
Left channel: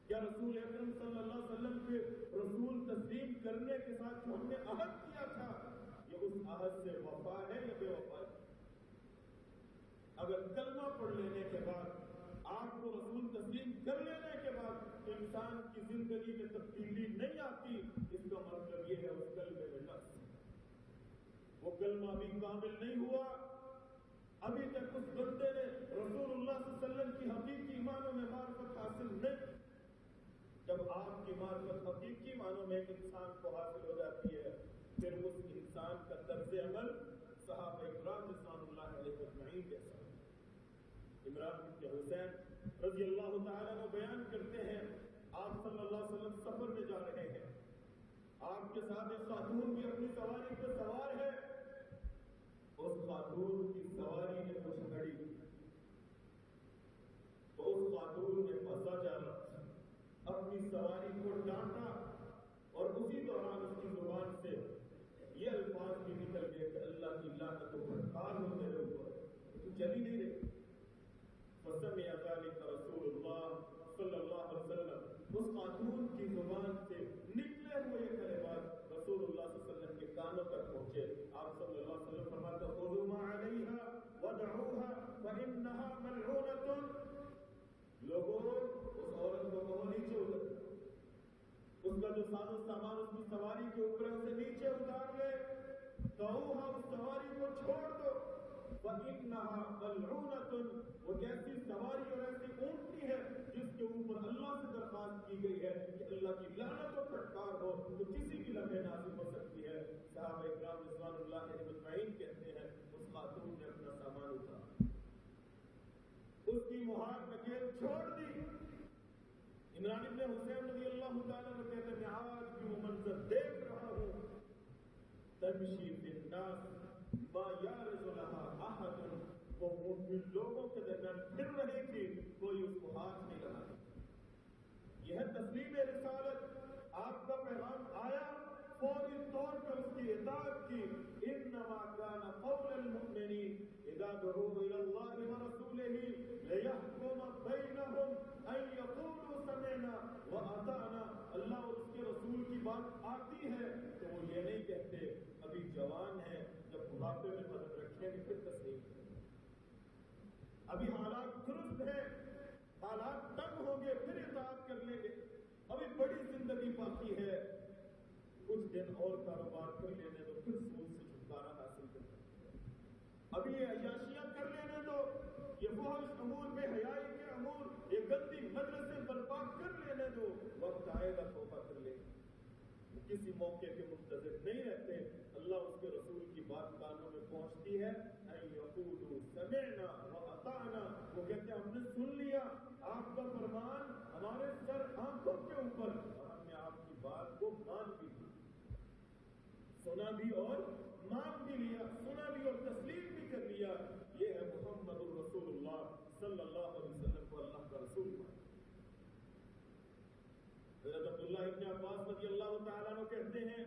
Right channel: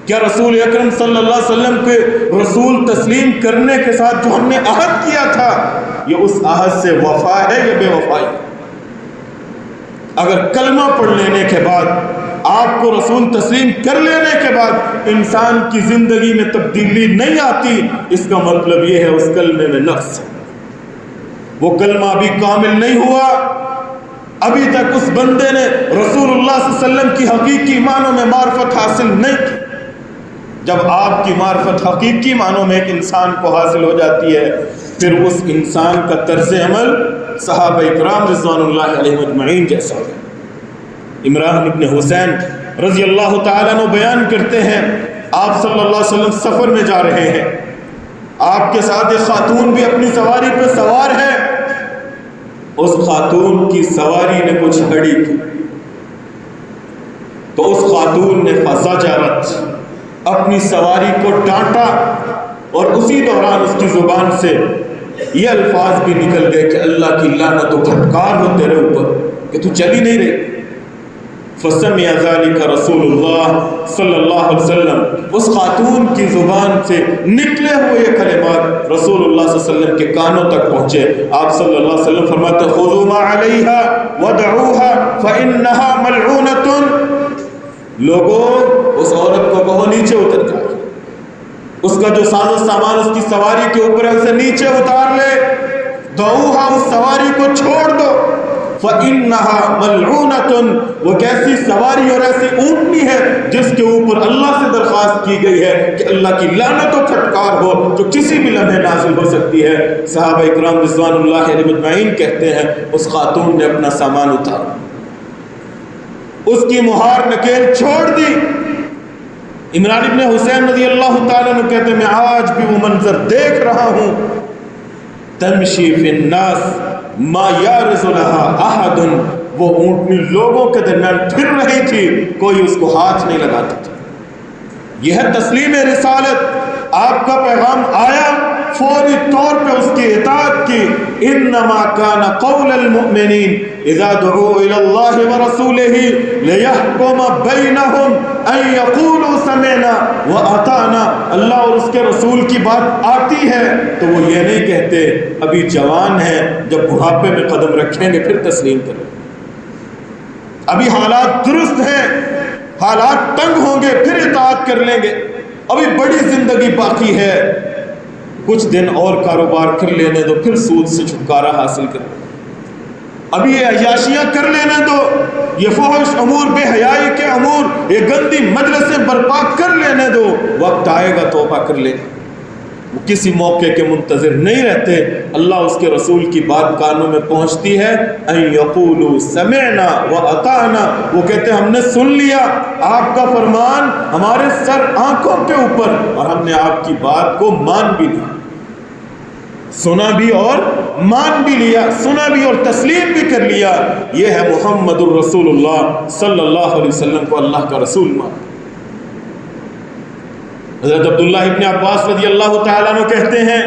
کیا رسول اکرم صلی اللہ علیہ وسلم کے رسول تسلیم کرنے کے ساتھ جو ہم نے عہد کیا تھا، یہ اس عہد سے وفا ہے یا بے وفائی؟ اگر کلمہ پڑھ لینے کے بعد، آپ کو رسول تسلیم کر لینے کے بعد انسان کی زندگی میں تبدیلی نہیں آتی، اس کا مطلب یہ ہے اس کلمے میں نقص ہے، وہ کلمہ ابھی کامل نہیں ہوا، ابھی تک اس بندے نے رسول اللہ صلی اللہ علیہ وسلم کی حقیقی معنوں میں معرفت حاصل نہیں کی۔ جب آپ کی معرفت حقیقی معنوں میں ایک انسان کو حاصل ہو جاتی ہے، پھر اس انسان کا طرز عمل صحابہ اکرام رضوان اللہ علیہ مجمعین جیسا ہے۔ عمران ابن حسین رضی اللہ تعالیٰ عنہ بیان کرتے ہیں، آپ صلی اللہ علیہ وسلم سفر میں جا رہے ہیں، آپ کے ساتھ ایک خاتون بھی اپنی سواری پہ سوار ہے، اس خاتون کی سواری نے کچھ ہڑی کی تو اس خاتون نے فزجرت، اپنی سواری کو ڈانٹا، اور اسی دوران اس کی زبان سے یہ الفاظ بھی نکل گئے کہ اللہ کی لعنت و پھٹکار ہو تیرے اوپر کہ تو چل ہی نہیں رہی۔ فسمع ذلك رسول اللہ صلی اللہ علیہ وسلم، اس خاتون کی زبان سے نکلے ہوئے یہ کلمات رسول اللہ صلی اللہ علیہ وسلم کے کانوں تک پہنچے۔ آپ صلی اللہ علیہ وسلم فرماتے خذوا ما علیہا ودعوها فإنها ملعونۃ، لوگوں اس عورت کو کہو نیچے اتر جائے، اس کا جو ساز و سامان اس کی سواری کے اوپر ہے اسے نیچے اتار لے، دعوها، اس سواری کو چھوڑ دو، فَإِنَّهَا مَلْعُونَةٌ، وہ کیسی سواری اور ایسی اونٹنی ہے جس کے اوپر اللہ سے درخواست کی گئی ہے کہ اللہ کی لعنت و پھٹکار ہو، جو کسی بھی لمحے نازل ہو سکتی ہے۔ صحابہ اکرام رضوان اللہ علیہ مجمعین کہتے ہیں اس خاتون نے اپنا سامان اتارا، اس کی مہار نکیل چھوڑ دی۔ عمران ابن حسین رضی اللہ تعالیٰ عنہ کہتے ہیں میں آج بھی وہ منظر دیکھ رہا ہوں، تمشی فی الناس ما یارز لها احد، وہ اونٹنی لوگوں کے درمیان پھر رہی تھی، کوئی اس کو ہاتھ نہیں لگاتا تھا۔ یہ ہے تسلیم رسالت، آپ کا پیغام آیا، فوری طور پہ اس کی اطاعت کی۔ انما کان قول المؤمنین اذا دعوا الى اللہ ورسولہ لیحکم بینہم ان یقولوا سمعنا واطعنا، اللہ اور اس کے رسول کی بات آتی ہے تو وہ یہ نہیں کہتے ابھی جوان ہیں، جب بڑھاپے میں قدم رکھیں گے پھر تسلیم کریں، ابھی حالات درست ہیں، حالات تنگ ہوں گے پھر اطاعت کر لیں گے، ابھی بڑی زندگی باقی ہے، کچھ دن اور کاروبار کر لینے دو پھر سود سے چھٹکارا حاصل کر، ابھی یہ عیاشیاں کر لینے دو، یہ فحش امور، بے حیائی کے امور، یہ گندی مجلسیں برپا کر لینے دو، وقت آئے گا توبہ کر لیں۔ وہ کسی موقع کے منتظر نہیں رہتے، اللہ اس کے رسول کی بات کانوں میں پہنچتی ہے، ان یقولوا سمعنا واطعنا، وہ کہتے ہیں ہم نے سن لیا آپ کا فرمان ہمارے سر آنکھوں کے اوپر، اور ہم نے آپ کی بات کو مان بھی لیا، سنا بھی اور مان بھی لیا، سنا بھی اور تسلیم بھی کر لیا۔ یہ ہے محمد الرسول اللہ صلی اللہ علیہ وسلم کو اللہ کا رسول مان۔ حضرت عبداللہ ابن عباس رضی اللہ تعالیٰ عنہ کہتے ہیں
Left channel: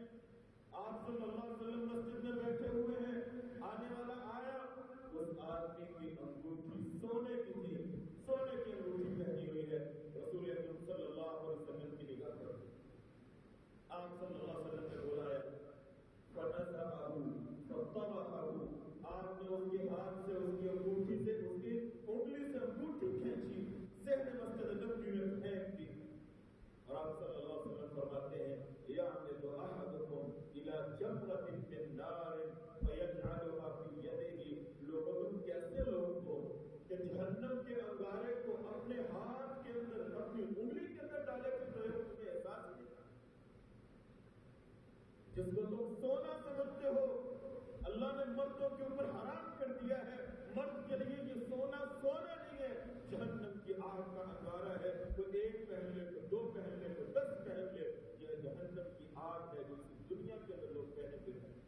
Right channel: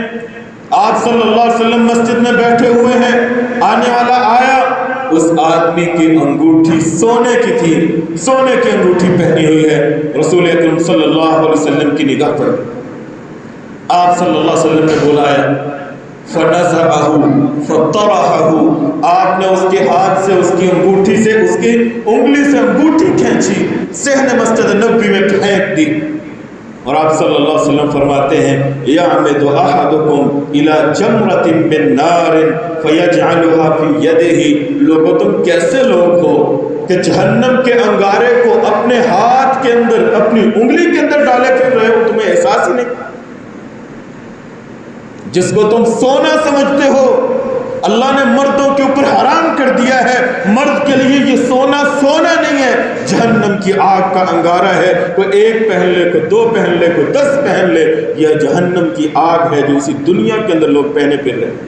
آپ صلی اللہ علیہ وسلم مسجد میں بیٹھے ہوئے ہیں، آنے والا آیا، اس آدمی کی انگوٹھی سونے کی تھی، سونے کی انگوٹھی پہنی ہوئی ہے، رسول اکرم صلی اللہ علیہ وسلم کی نگاہ پڑ، آپ صلی اللہ علیہ وسلم نے بلایا، فَنَزَعَهُ فَطَرَحَهُ، آپ نے اس کے ہاتھ سے، اس کی انگوٹھی سے، اس کی انگلی سے انگوٹھی کھینچی، صحن مسجد نبوی میں پھینک دی، اور آپ صلی اللہ علیہ وسلم فرماتے ہیں يَعْمِدُ أَحَدُكُمْ إِلَى جَمْرَةٍ مِّن نَارٍ فَيَجْعَلُهَا فِي يَدِهِ، لوگوں تم کیسے لوگ ہو کہ جہنم کے انگارے کو اپنے ہاتھ کے اندر، اپنی انگلی کے اندر ڈالے پھر رہے ہو، تمہیں احساس ہی نہیں، جس کو تم سونا سمجھتے ہو اللہ نے مردوں کے اوپر حرام کر دیا ہے، مرد کے لیے یہ سونا سونا نہیں ہے، جہنم کی آگ کا انگارہ ہے، کوئی ایک پہن لے، کوئی دو پہن لے، کوئی 10 پہن لے، یہ جہنم کی آگ ہے جو اسی دنیا کے اندر لوگ پہنے پھر رہے ہیں۔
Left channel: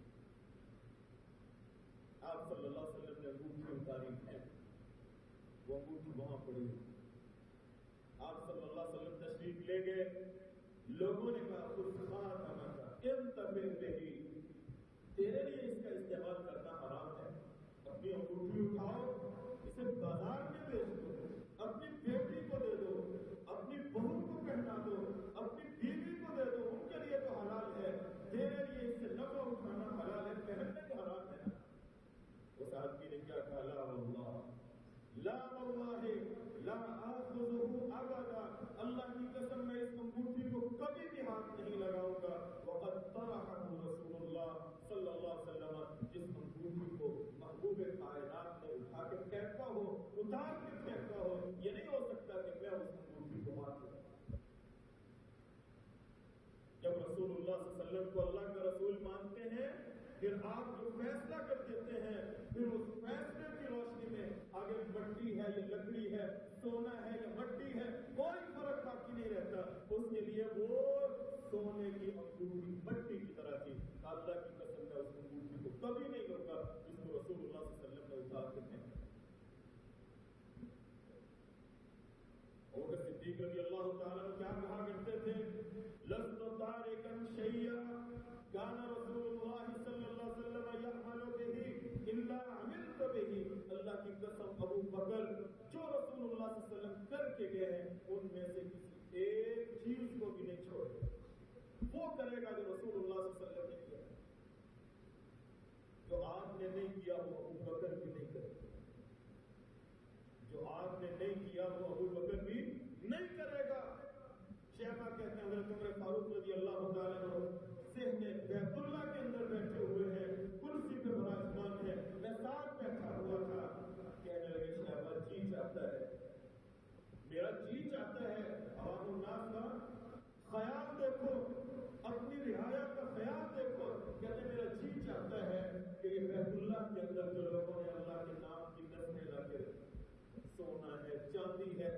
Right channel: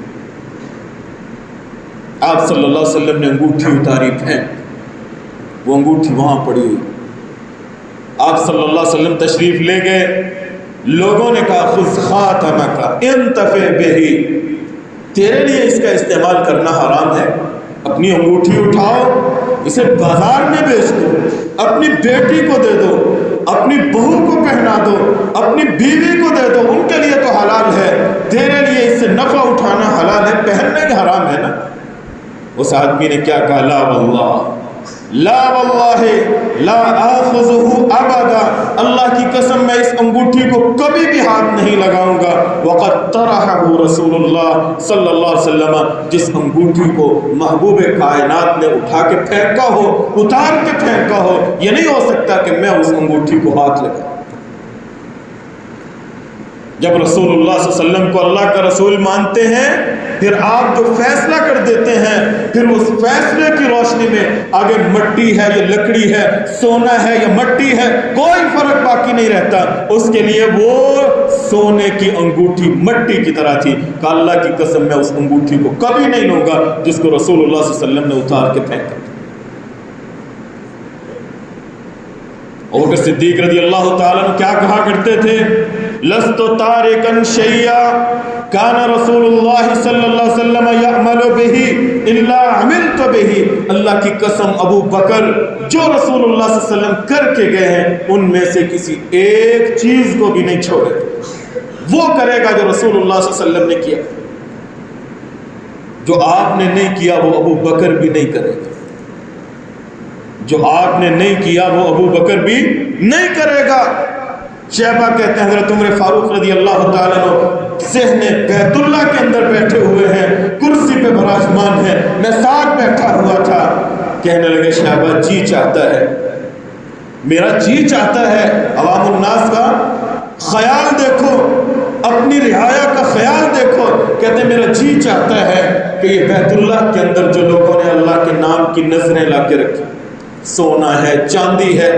آپ صلی اللہ علیہ وسلم نے انگوٹھی اتاری پھینک، وہ انگوٹھی وہاں پڑی ہوئی، آپ صلی اللہ علیہ وسلم تشریف لے گئے، لوگوں نے کہا خذ خاتمک انتفع بہ، تیرے لیے اس کا استعمال کرنا حرام ہے، اپنی انگوٹھی اٹھاؤ، اسے بازار میں بیچ دو، اپنی بیٹی کو دے دو، اپنی بہو کو پہنا دو، اپنی بیوی کو دے دو، ان کے لیے تو حلال ہے، تیرے لیے اس سے نفع اٹھانا حلال ہے، پہننا ہی حرام ہے نا۔ اس آدمی نے کیا کہا لا واللہ، لا واللہ لا آخذہ ابدا، اللہ کی قسم میں اس انگوٹھی کو کبھی بھی ہاتھ نہیں لگاؤں گا، وقد طرحہ رسول اللہ صلی اللہ علیہ وسلم، جس انگوٹھی کو محبوب کائنات نے اٹھا کے پھینکا ہو، اتار کے پھینکا ہو، یہ نہیں ہو سکتا کہ میں اس انگوٹھی کو ہاتھ لگاؤں۔ جب رسول اللہ صلی اللہ علیہ وسلم کو اللہ کا رسول مانتے ہیں، پھر آپ جو فیصلہ کر دیتے ہیں، پھر اس فیصلے کی روشنی میں آگے مٹی ہے یا لکڑی ہے، سونا ہے یا مٹی ہے، کوئی فرق باقی نہیں رہتا، اس کے لیے وہ سونے کی انگوٹھی مٹی کی طرح تھی کہ اللہ کی قسم میں اس انگوٹھی کو کبھی نہیں لوں گا جس کو رسول اللہ صلی اللہ علیہ وسلم نے اتار کے پھینکا۔ ابوبکر صدیق رضی اللہ تعالیٰ عنہ کیا کہا کرتے تھے، لست تارکا شیئا کان رسول اللہ صلی اللہ علیہ وسلم یعمل بہ الا عملت بہ، اللہ کی قسم ابو بکر جو رسول اللہ صلی اللہ علیہ وسلم کر کے گئے ہیں ان میں سے کسی ایک چیز کو بھی نہیں چھوڑے، وہ کرے گا جو رسول اللہ صلی اللہ علیہ وسلم نے کیا، جو آپ نے نہیں کیا وہ ابو بکر بھی نہیں کرے گا، جو آپ نے نہیں کیا وہ ابو بکر بھی نہیں کرے گا۔ شیبہ کہتے ہیں حضرت عمر فاروق رضی اللہ تعالیٰ عنہ صحن بیت اللہ کے اندر بیٹھے ہوئے ہیں، کرسی پہ براجمان ہیں، میں ساتھ بیٹھا ہوا تھا، کہنے لگے شیبہ جی چاہتا ہے، میرا جی چاہتا ہے، عوام الناس کا خیال دیکھو، اپنی رعایا کا خیال دیکھو، کہتے ہیں میرا جی چاہتا ہے کہ یہ بیت اللہ کے اندر جو لوگوں نے اللہ کے نام کی نظریں لا کے رکھی، سونا ہے، چاندی ہے،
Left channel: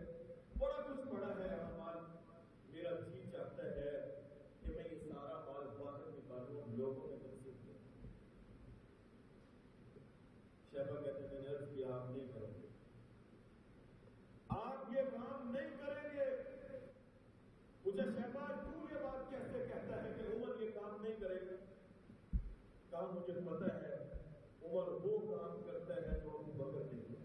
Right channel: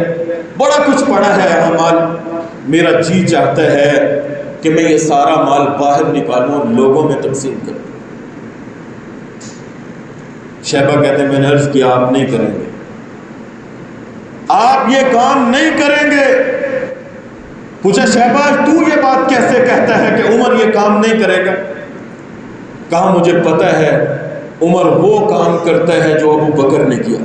بڑا کچھ پڑا ہے یہاں مال، میرا جی چاہتا ہے کہ میں یہ سارا مال باہر نکالوں اور لوگوں میں تقسیم کروں۔ شیبہ کہتے ہیں میں نے عرض کیا آپ نہیں کریں گے، آپ یہ کام نہیں کریں گے۔ پوچھا شیبہ تو یہ بات کیسے کہتا ہے کہ عمر یہ کام نہیں کرے گا؟ کہا مجھے پتہ ہے عمر وہ کام کرتا ہے جو ابو بکر نے کیا،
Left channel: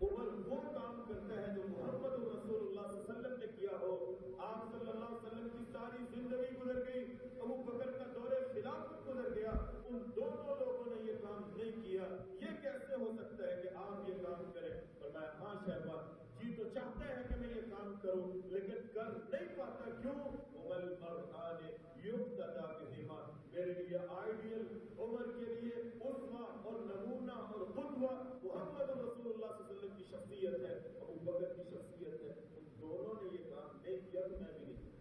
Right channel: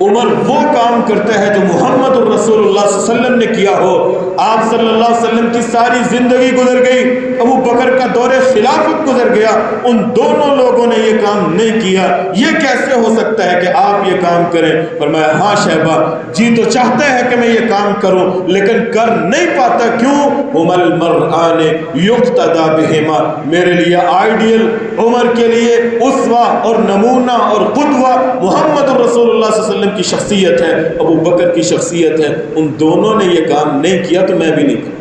عمر وہ کام کرتا ہے جو محمد الرسول اللہ صلی اللہ علیہ وسلم نے کیا ہو۔ آپ صلی اللہ علیہ وسلم کی ساری زندگی گزر گئی، ابو بکر کا دور خلافت گزر گیا، ان دونوں لوگوں نے یہ کام نہیں کیا، یہ کیسے ہو سکتا ہے کہ آپ یہ کام کریں؟ فرمایا ہاں شیبہ، جی تو چاہتا ہے کہ میں یہ کام کروں لیکن کر نہیں پاتا، کیوں؟ ہم المرآن یقتدی بہما، میرے لیے آئیڈیل، عمر کے لیے اسوہ اور نمونہ اور قدوہ محمد الرسول اللہ صلی اللہ علیہ وسلم کی شخصیت ہے، ابو بکر کی شخصیت ہے، ان دونوں نے یہ کام نہیں کیا تو میں بھی نہیں کروں۔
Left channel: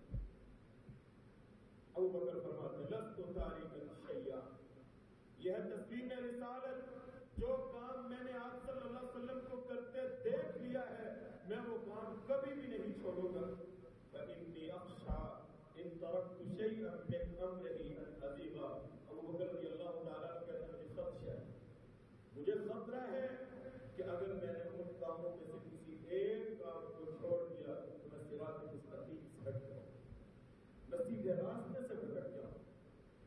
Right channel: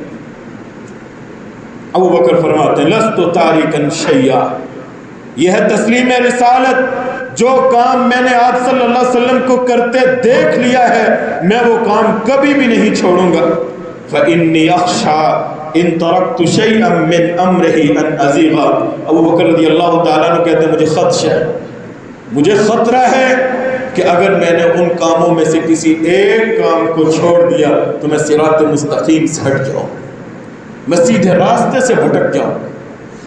ابو بکر فرماتے ہیں لست تارکا شیئا، یہ ہے تسلیم رسالت، جو کام میں نے آپ صلی اللہ علیہ وسلم کو کرتے دیکھ لیا ہے میں وہ کام کبھی بھی نہیں چھوڑوں گا۔ فإنی اخشی ان ترکت شیئا من امرہ ان ازیغا، ابو بکر رضی اللہ تعالیٰ عنہ کہتے ہیں مجھے خدشہ ہے، مجھے خطرہ ہے کہ اگر میں نے ان کاموں میں سے کسی ایک کام کو چھوڑ دیا تو میں صراط مستقیم سے ہٹ جاؤں، میں سیدھے راستے سے بھٹک جاؤں،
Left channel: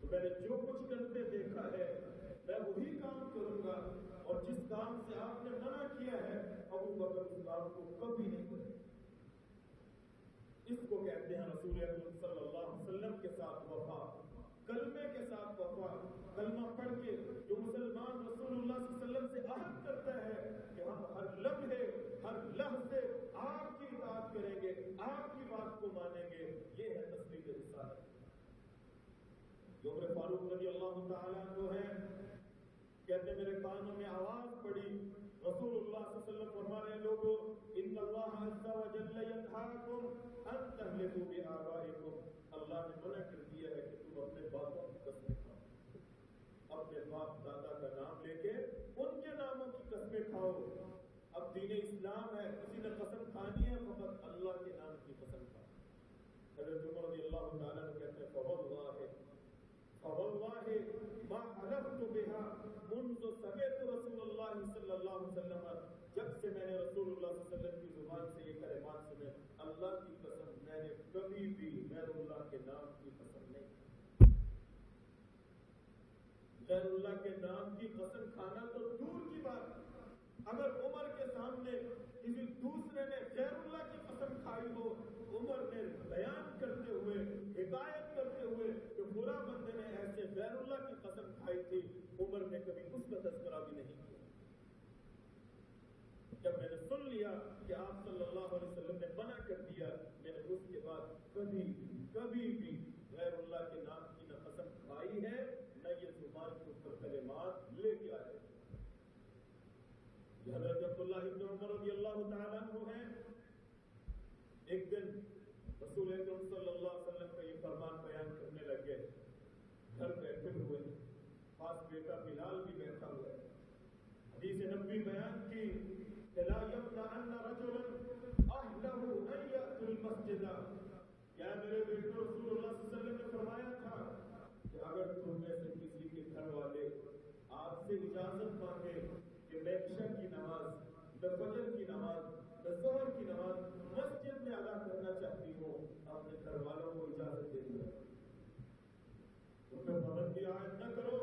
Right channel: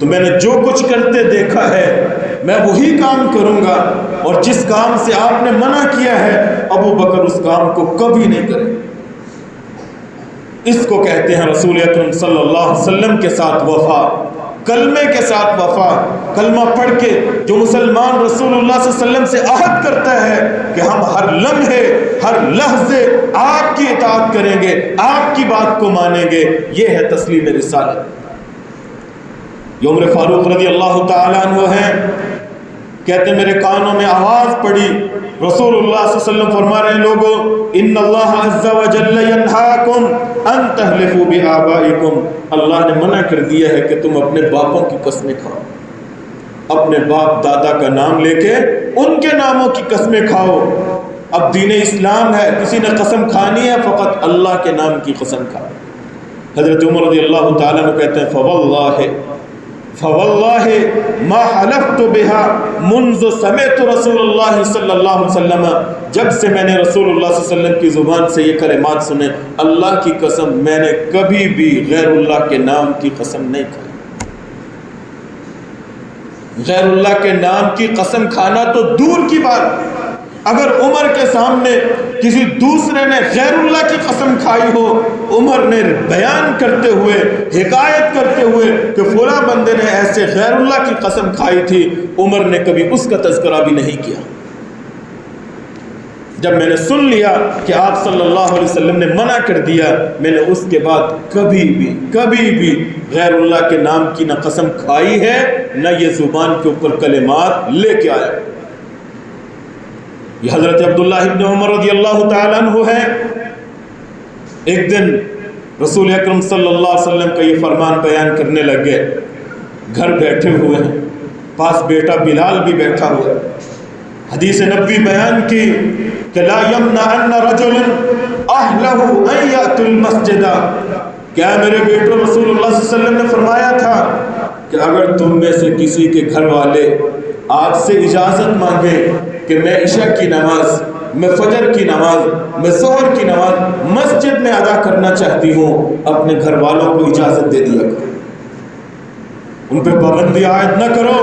تو میں نے جو کچھ کرتے دیکھا ہے میں وہی کام کروں گا، اور جس کام سے آپ نے منع کیا ہے ابو بکر اس کام کو کبھی نہیں کرے۔ اس کو کہتے ہیں رسول اکرم صلی اللہ علیہ وسلم کے ساتھ وفا، کلمے کے ساتھ وفا۔ کلمہ پڑھ کے جو مسلمان رسول اللہ صلی اللہ علیہ وسلم سے عہد کرتا ہے کہ ہم ہر لمحے ہر لحظے آپ کی اطاعت کریں گے، آپ کی بات کو مانیں گے، یہ ہے تسلیم رسالت۔ عمر فاروق رضی اللہ تعالیٰ عنہ ہیں، کہتے ہیں میرے کانوں میں آواز پڑی، رسول اللہ صلی اللہ علیہ وسلم فرما رہے ہیں لوگوں ان اللہ عز و جل ینہاکم ان تحلفوا بآبائکم، اللہ نے منع کر دیا ہے کہ تم اپنے باپوں کی قسمیں کھاؤ، اپنے باپ دادا کا نام لے کے ان کے ناموں کی قسمیں کھاؤ۔ اب دین اسلام ہے، کسی نے قسم کھانی ہے فقط اللہ کے نام کی قسم کھاؤ۔ حضرت عمر رضی اللہ تعالیٰ عنہ کہتے ہیں فواللہ ما حلفت بها منذ سمعت رسول اللہ صلی اللہ علیہ وسلم، جب سے میں نے رسول اللہ صلی اللہ علیہ وسلم کی زبان سے یہ کلمات سنے، اللہ کی قسم میں نے کبھی بھی غیر اللہ کے نام کی قسم نہیں کھائی۔ غیر اللہ کے نام کی قسم کھانا تو دور کی بات، اگر عمر کے سامنے کسی دوسرے نے غیر اللہ کی قسم کھائی ہو، عمر نے بیان کرتے ہوئے حکایت کرتے ہوئے کہ فلاں بندے نے ایسے غیر اللہ کی قسم کھائی تھی، عمر نے کبھی اس کا تذکرہ بھی نہیں کیا۔ جب میں نے سن لیا کہ آپ صلی اللہ علیہ وسلم نے منع کر دیا، میں نے اس کے بعد کبھی بھی غیر اللہ کے نام کی نہ قسم کھائی ہے نہ یہ زبان کے اوپر کلمات لے کے آیا۔ یہ حضرت عبداللہ ابن عمر رضی اللہ تعالیٰ عنہ ہے، ایک دن رسول اکرم صلی اللہ علیہ وسلم کا یہ فرمان بیان کرنے لگ گئے، گھر بیٹھے ہوئے ہیں، پاس بیٹا بلال بھی بیٹھا ہوا ہے، حدیث نبوی بیان کی کہ لا یمنعن رجل اہلہ ان یأتوا المسجد، کیا میرے بیٹو رسول اللہ صلی اللہ علیہ وسلم نے فرمایا تھا کہ اگر تم میں سے کسی کے گھر والے آپ سے اجازت مانگے کہ میں عشاء کی نماز، میں فجر کی نماز، میں ظہر کی نماز مسجد میں ادا کرنا چاہتی ہوں، اپنے گھر والوں کو اجازت دے دیا کرو، ان پہ پابندی عائد نہ کرو،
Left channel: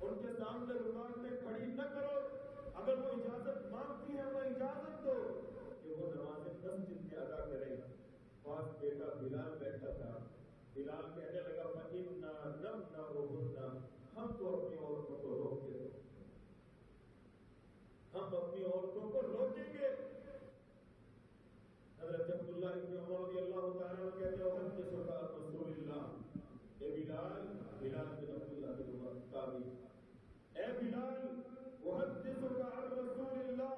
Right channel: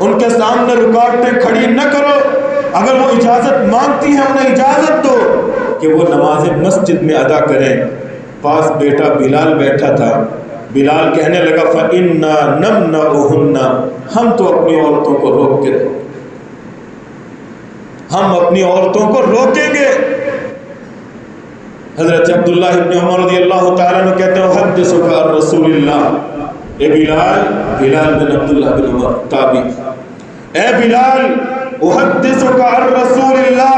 ان کے سامنے رکاوٹیں کھڑی نہ کرو، اگر وہ اجازت مانگتی ہیں انہیں اجازت دو کہ وہ نماز مسجد میں ادا کریں۔ پاس بیٹا بلال بیٹھا تھا، بلال کہنے لگا فَإِنَّا نَمْنَعُهُنَّ، ہم تو اپنی عورتوں کو روک کے رہیں، ہم اپنی عورتوں کو روکیں گے۔ حضرت عبداللہ ابن عمر رضی اللہ تعالیٰ عنہ کہتے ہیں حدثک عن رسول اللہ، اے بلال بن عبداللہ بن عمر تابعی، اے بلال احدثک عن رسول اللہ،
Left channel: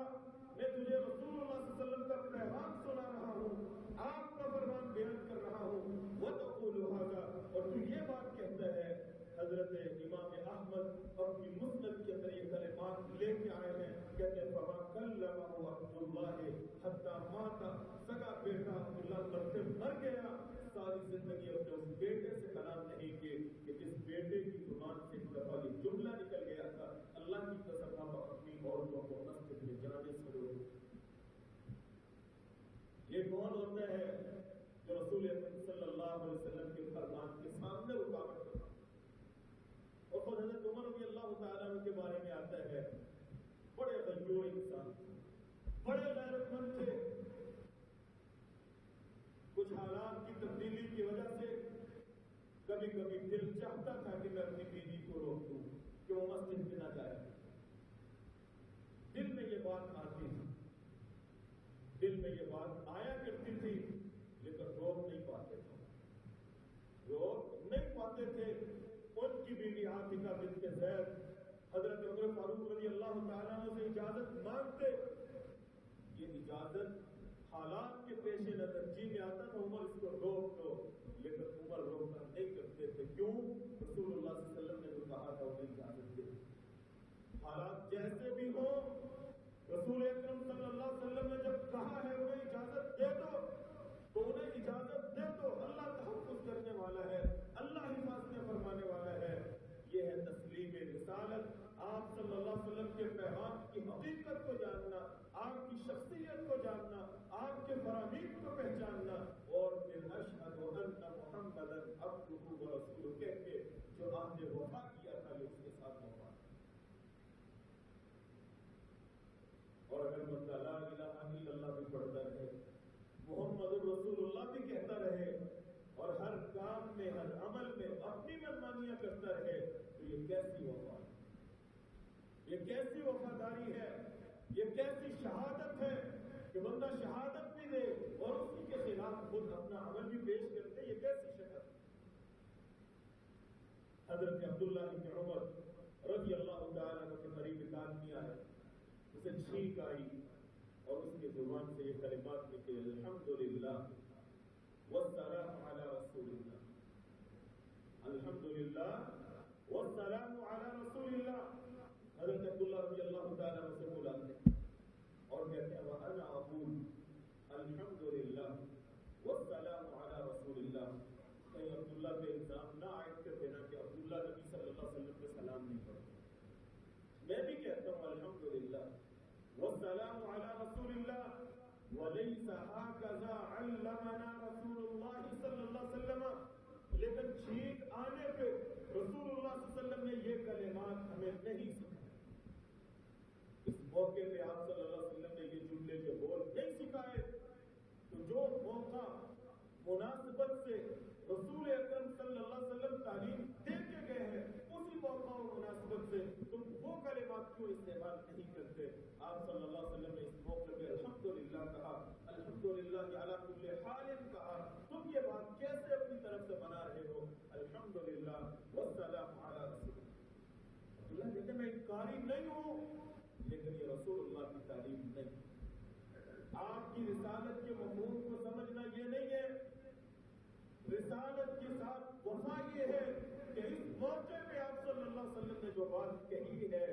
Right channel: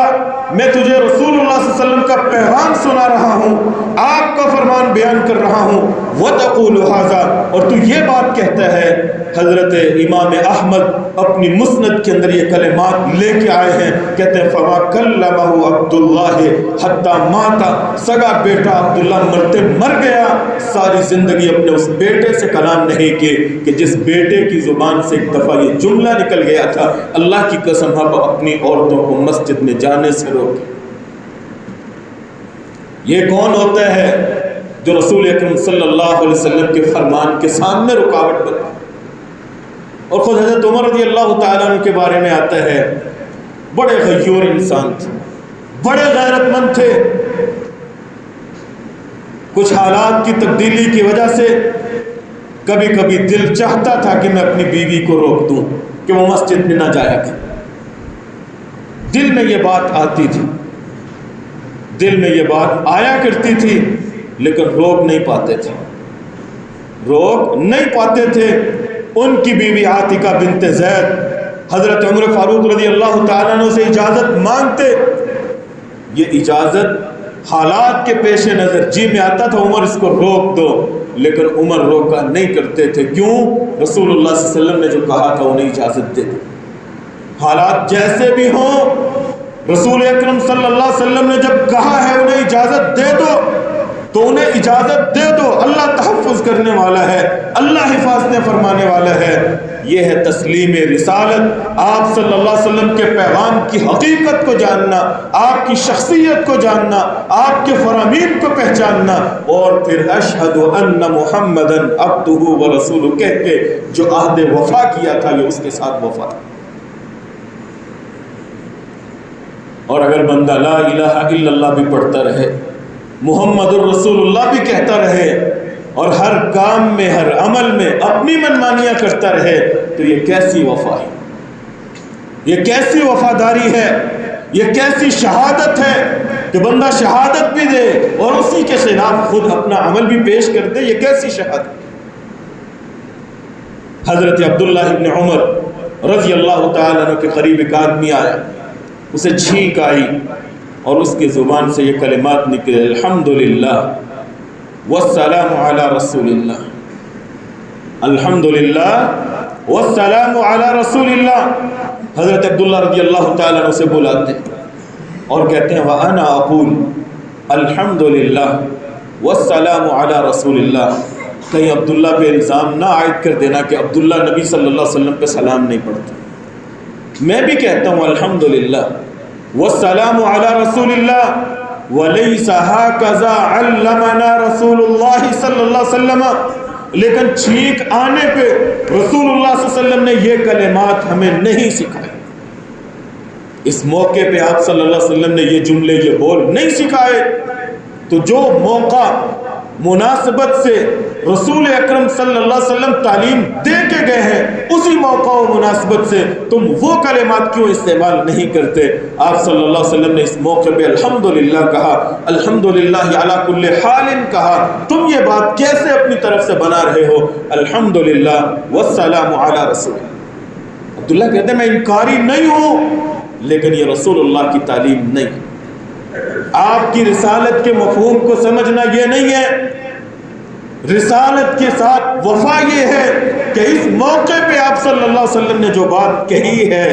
میں تجھے رسول اللہ صلی اللہ علیہ وسلم کا پیغام سنا رہا ہوں، آپ کا فرمان بیان کر رہا ہوں، وَتَقُولُ هَذَا، اور تو یہ بات کہتا ہے۔ حضرت امام احمد اپنی مسند کے اندر یہ کلمات لے کے آئے ہیں، کہتے ہیں فَمَا كَلَّمَهُ عَبْدُ اللَّهِ حَتَّى مَاتَ، سگا بیٹا عبداللہ مرتے مر گیا، ساری زندگی اپنے اس بیٹے سے کلام نہیں کیے کہ جس بیٹے کی زبان سے ایک دفعہ یہ جملہ نکل گیا تھا اللہ کی قسم آپ اپنی عورتوں کو مسجد میں جانے سے روکیں۔ یہ کون ہوتا ہے جو رسول اکرم صلی اللہ علیہ وسلم کے فرمان کے سامنے رکاوٹ بنے؟ اور خود حضرت عمر رضی اللہ تعالیٰ عنہ کے بارے میں آتا ہے بڑے غیور انسان تھے، بڑے غیرت مند تھے. کچھ حالات کی تبدیلی کی وجہ سے کبھی کبھی دل چاہتا تھا کہ میں اپنی بیوی کو روک دوں کہ وہ مسجد میں نہ جایا کرے. دل میں یہ بات آتی تھی, دل میں یہ بات آیا کرتی تھی, لیکن روک نہیں پاتے تھے, روک نہیں پاتے تھے. ان کی بیوی عاتکہ بنت زید حضرت عمر فاروق رضی اللہ تعالیٰ عنہ سے اجازت مانگتے. یہ اجازت حالات کے پیش نظر جی میں آتا تھا عمر اس کو روک دو, لیکن عمر روکا نہیں کرتے تھے. کیوں؟ رسول اللہ صلی اللہ علیہ وسلم نے جو کہا تھا انہیں اجازت دے دو. حالات جیسے بھی ہوں, رسول اکرم صلی اللہ علیہ وسلم نے جب کہا ہے انہیں اجازت دے دو تو انہیں اجازت دے دو. اللہ تحفظ کرنے والا ہے, اللہ حفاظتیں فرمانے والا ہے. یہ ہے تسلیم رسالت. آپ صلی اللہ علیہ وسلم کے پیغام کی حقیقت کو جاننا, آپ کی شخصیت کو جاننا, آپ کے فرامین کو پہچاننا, اور پھر اشہد ان محمدًا عبدہ و رسولہ کہہ کے جو عہد وفا کیا تھا یہ اس کے ساتھ وفا. اور اگر بندہ لا الہ الا اللہ بھی پڑھتا رہے, محمد الرسول اللہ بھی کہتا رہے, اور ہر کام میں ہر عمل میں اپنی منمانیاں کرتا رہے, تو یہ کیسی وفا ہے, یہ کیسی وفاداری ہے, یہ کیسی شہادت ہے کہ بندہ شہادت بھی دے اور اسی کے خلاف خود اپنا عمل بھی پیش کر دے. یہ کیسی شہادت. حضرت عبداللہ ابن عمر رضی اللہ تعالیٰ عنہ کے قریب ایک آدمی آیا, اسے چھینک آئی اور اس کی زبان سے یہ کلمات نکلے, الحمدللہ والسلام علی رسول اللہ, الحمدللہ والسلام علی رسول اللہ. حضرت عبداللہ رضی اللہ تعالیٰ عنہ سے بلاتے اور کہتے ہیں وَأَنَا أَقُولُ الحمدللہ والسلام علی رسول اللہ. کہیں عبداللہ پہ الزام نہ عائد کر دینا کہ عبداللہ نبی صلی اللہ علیہ وسلم پہ سلام نہیں پڑھتے. میں بھی کہتا ہوں الحمدللہ والسلام علی رسول اللہ, وَلَيْسَ هَكَذَا عَلَّمَنَا رسول اللہ صلی اللہ علیہ وسلم. لیکن چھینک آنے پہ رسول اللہ صلی اللہ علیہ وسلم نے یہ کلمات ہمیں نہیں سکھائے. اس موقع پہ آپ صلی اللہ علیہ وسلم نے یہ جملے یہ بول نہیں سکھائے. تو جو موقع مناسبت سے رسول اکرم صلی اللہ علیہ وسلم تعلیم دے کے گئے ہیں, اسی موقع و مناسبت سے تم وہ کلمات کیوں استعمال نہیں کرتے؟ آپ صلی اللہ علیہ وسلم نے اس موقع پہ الحمدللہ کہا, الحمدللہ علی کل حال کہا. تم یہ بات کیسے اپنی طرف سے بنا رہے ہو؟ الحمدللہ والسلام علی رسول. عبداللہ کہتے ہیں میں انکاری نہیں ہوں, لیکن یہ رسول اللہ کی تعلیم نہیں. آپ کی رسالت کے مفہوم کو سمجھنا یہ نہیں ہے. رسالت کے ساتھ وفا یہ ہے کہ اس موقع پہ آپ صلی اللہ علیہ وسلم نے جو بات کہی ہے,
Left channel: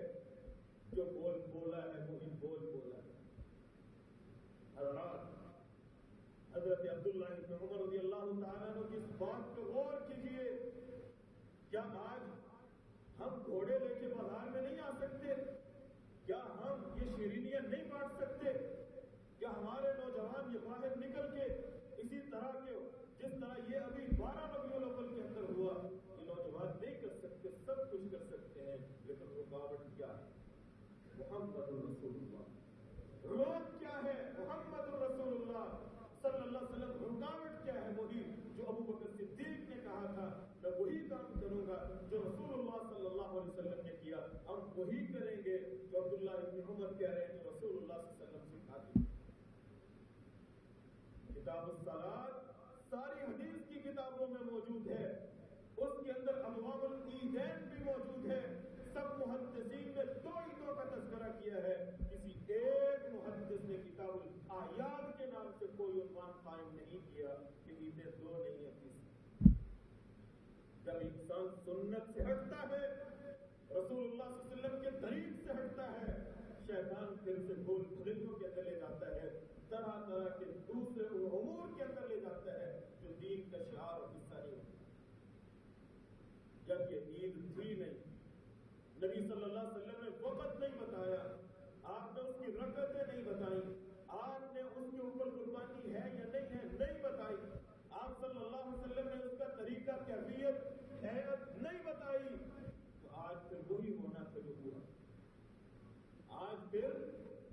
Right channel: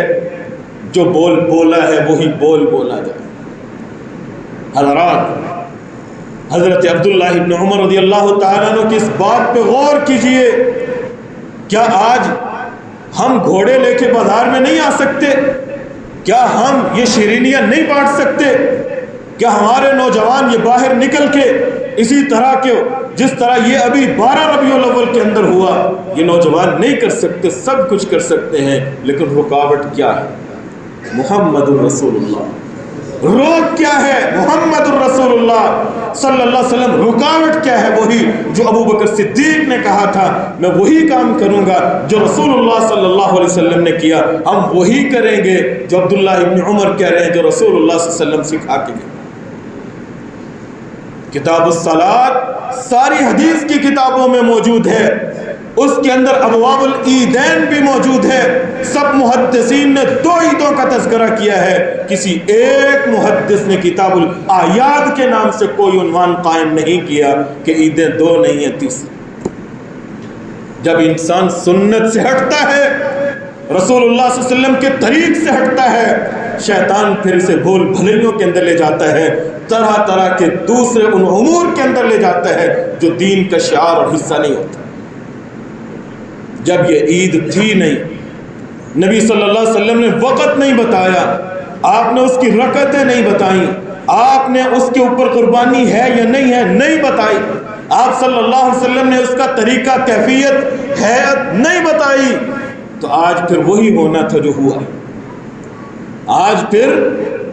جو بول بولا ہے وہی بول بولا جائے. حضرات, حضرت عبداللہ ابن عمر رضی اللہ تعالیٰ عنہ کی اس بات پہ غور کیجئے. کیا آج ہم گھوڑے لے کے بازار میں نہیں آ سکتے؟ کیا ہم یہ شیرینیاں نہیں بانٹ سکتے؟ کیا ہمارے نوجوان یہ باہر نکل کے اسی طرح کے جس طرح یہ ابھی 12 ربیع الاول کے اندر ہوا, یہ نوجوان نہیں کر سکتے؟ سب کچھ کر سکتے ہیں, لیکن رکاوٹ کیا ہے؟ محمد الرسول اللہ. روک کیا ہے؟ محمد الرسول اللہ صلی اللہ علیہ وسلم. رکاوٹ کیا ہے؟ وہی جو ابو بکر صدیق نے کہا تھا میں وہی کام کروں گا جو رسول اللہ صلی اللہ علیہ وسلم نے کیا, ہم وہی کریں گے جو عبداللہ ابن عمر کہہ رہے ہیں جو رسول اللہ صلی اللہ علیہ وسلم سکھا کے گئے. کتاب الصلاۃ ساری حدیث کی کتابوں میں موجود ہے, اس کے اندر ابواب العیدین بھی موجود ہے. سب محدثین نے 2 عیدوں کا تذکرہ کیا ہے, کسی ایک محدث نے کتاب الاعیاد کے نام سے کوئی عنوان قائم نہیں کیا کہ عیدیں 2 نہیں ہیں 3. جب انسان سنت سے ہٹتا ہے, رسول اللہ صلی اللہ علیہ وسلم کے طریق سے ہٹتا ہے, شیطان پھر اسے بھول بھلیوں کے اندر لے جاتا ہے, طرح طرح کے دوسرے ان امور کے اندر لے جاتا ہے جو دین کا شعار اور حصہ نہیں ہوتا. جب یہ عید تھی نہیں, نبی صلی اللہ علیہ وسلم نے وقت نہیں بتایا, آپ نے اس کی رکعتیں نہیں بتائیں, آپ نے اس کے اوپر قربانی ہے یا نہیں ہے نہیں بتائی, آپ صلی اللہ علیہ وسلم نے اس کا طریقہ کیفیت ہیئت نہیں بتائی, تو آج پھر وہی ہونا تھا جو ہوا. آج پھر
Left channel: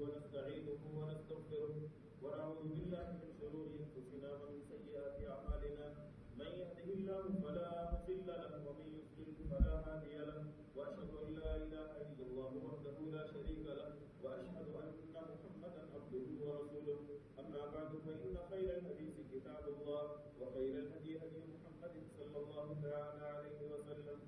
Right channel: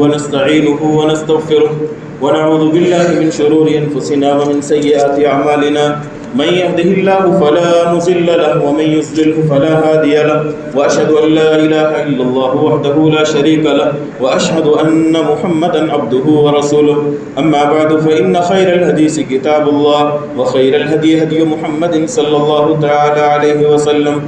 ونستعينه ونستغفره ونعوذ بالله من شرور أنفسنا ومن سيئات أعمالنا من يهده الله فلا مضل له ومن يضلل فلا هادي له وأشهد أن لا إله إلا الله وحده لا شريك له وأشهد أن محمدا عبده ورسوله أما بعد فإن خير الحديث كتاب الله وخير الهدي هدي محمد صلى الله تعالى عليه وسلم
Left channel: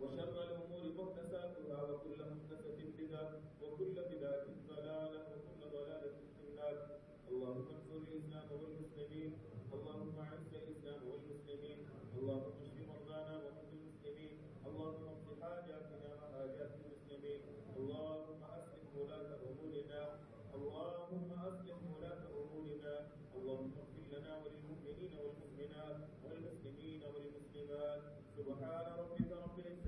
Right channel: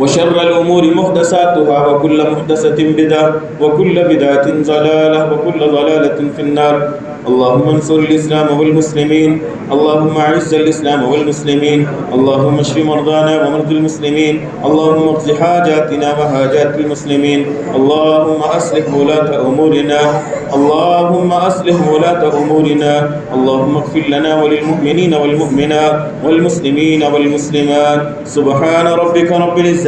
وشر الأمور محدثاتها وكل محدثة بدعة وكل بدعة ضلالة وكل ضلالة في النار. اللهم انصر الإسلام والمسلمين، اللهم أعز الإسلام والمسلمين، اللهم اشف مرضانا ومرضى المسلمين، اللهم اقض حاجاتنا وحاجات المسلمين، اللهم أصلح ولاة أمورنا، اللهم أصلح ولاة أمورنا، اللهم اغفر لنا وللمؤمنين والمؤمنات والمسلمين والمسلمات. سبحان ربك رب العزة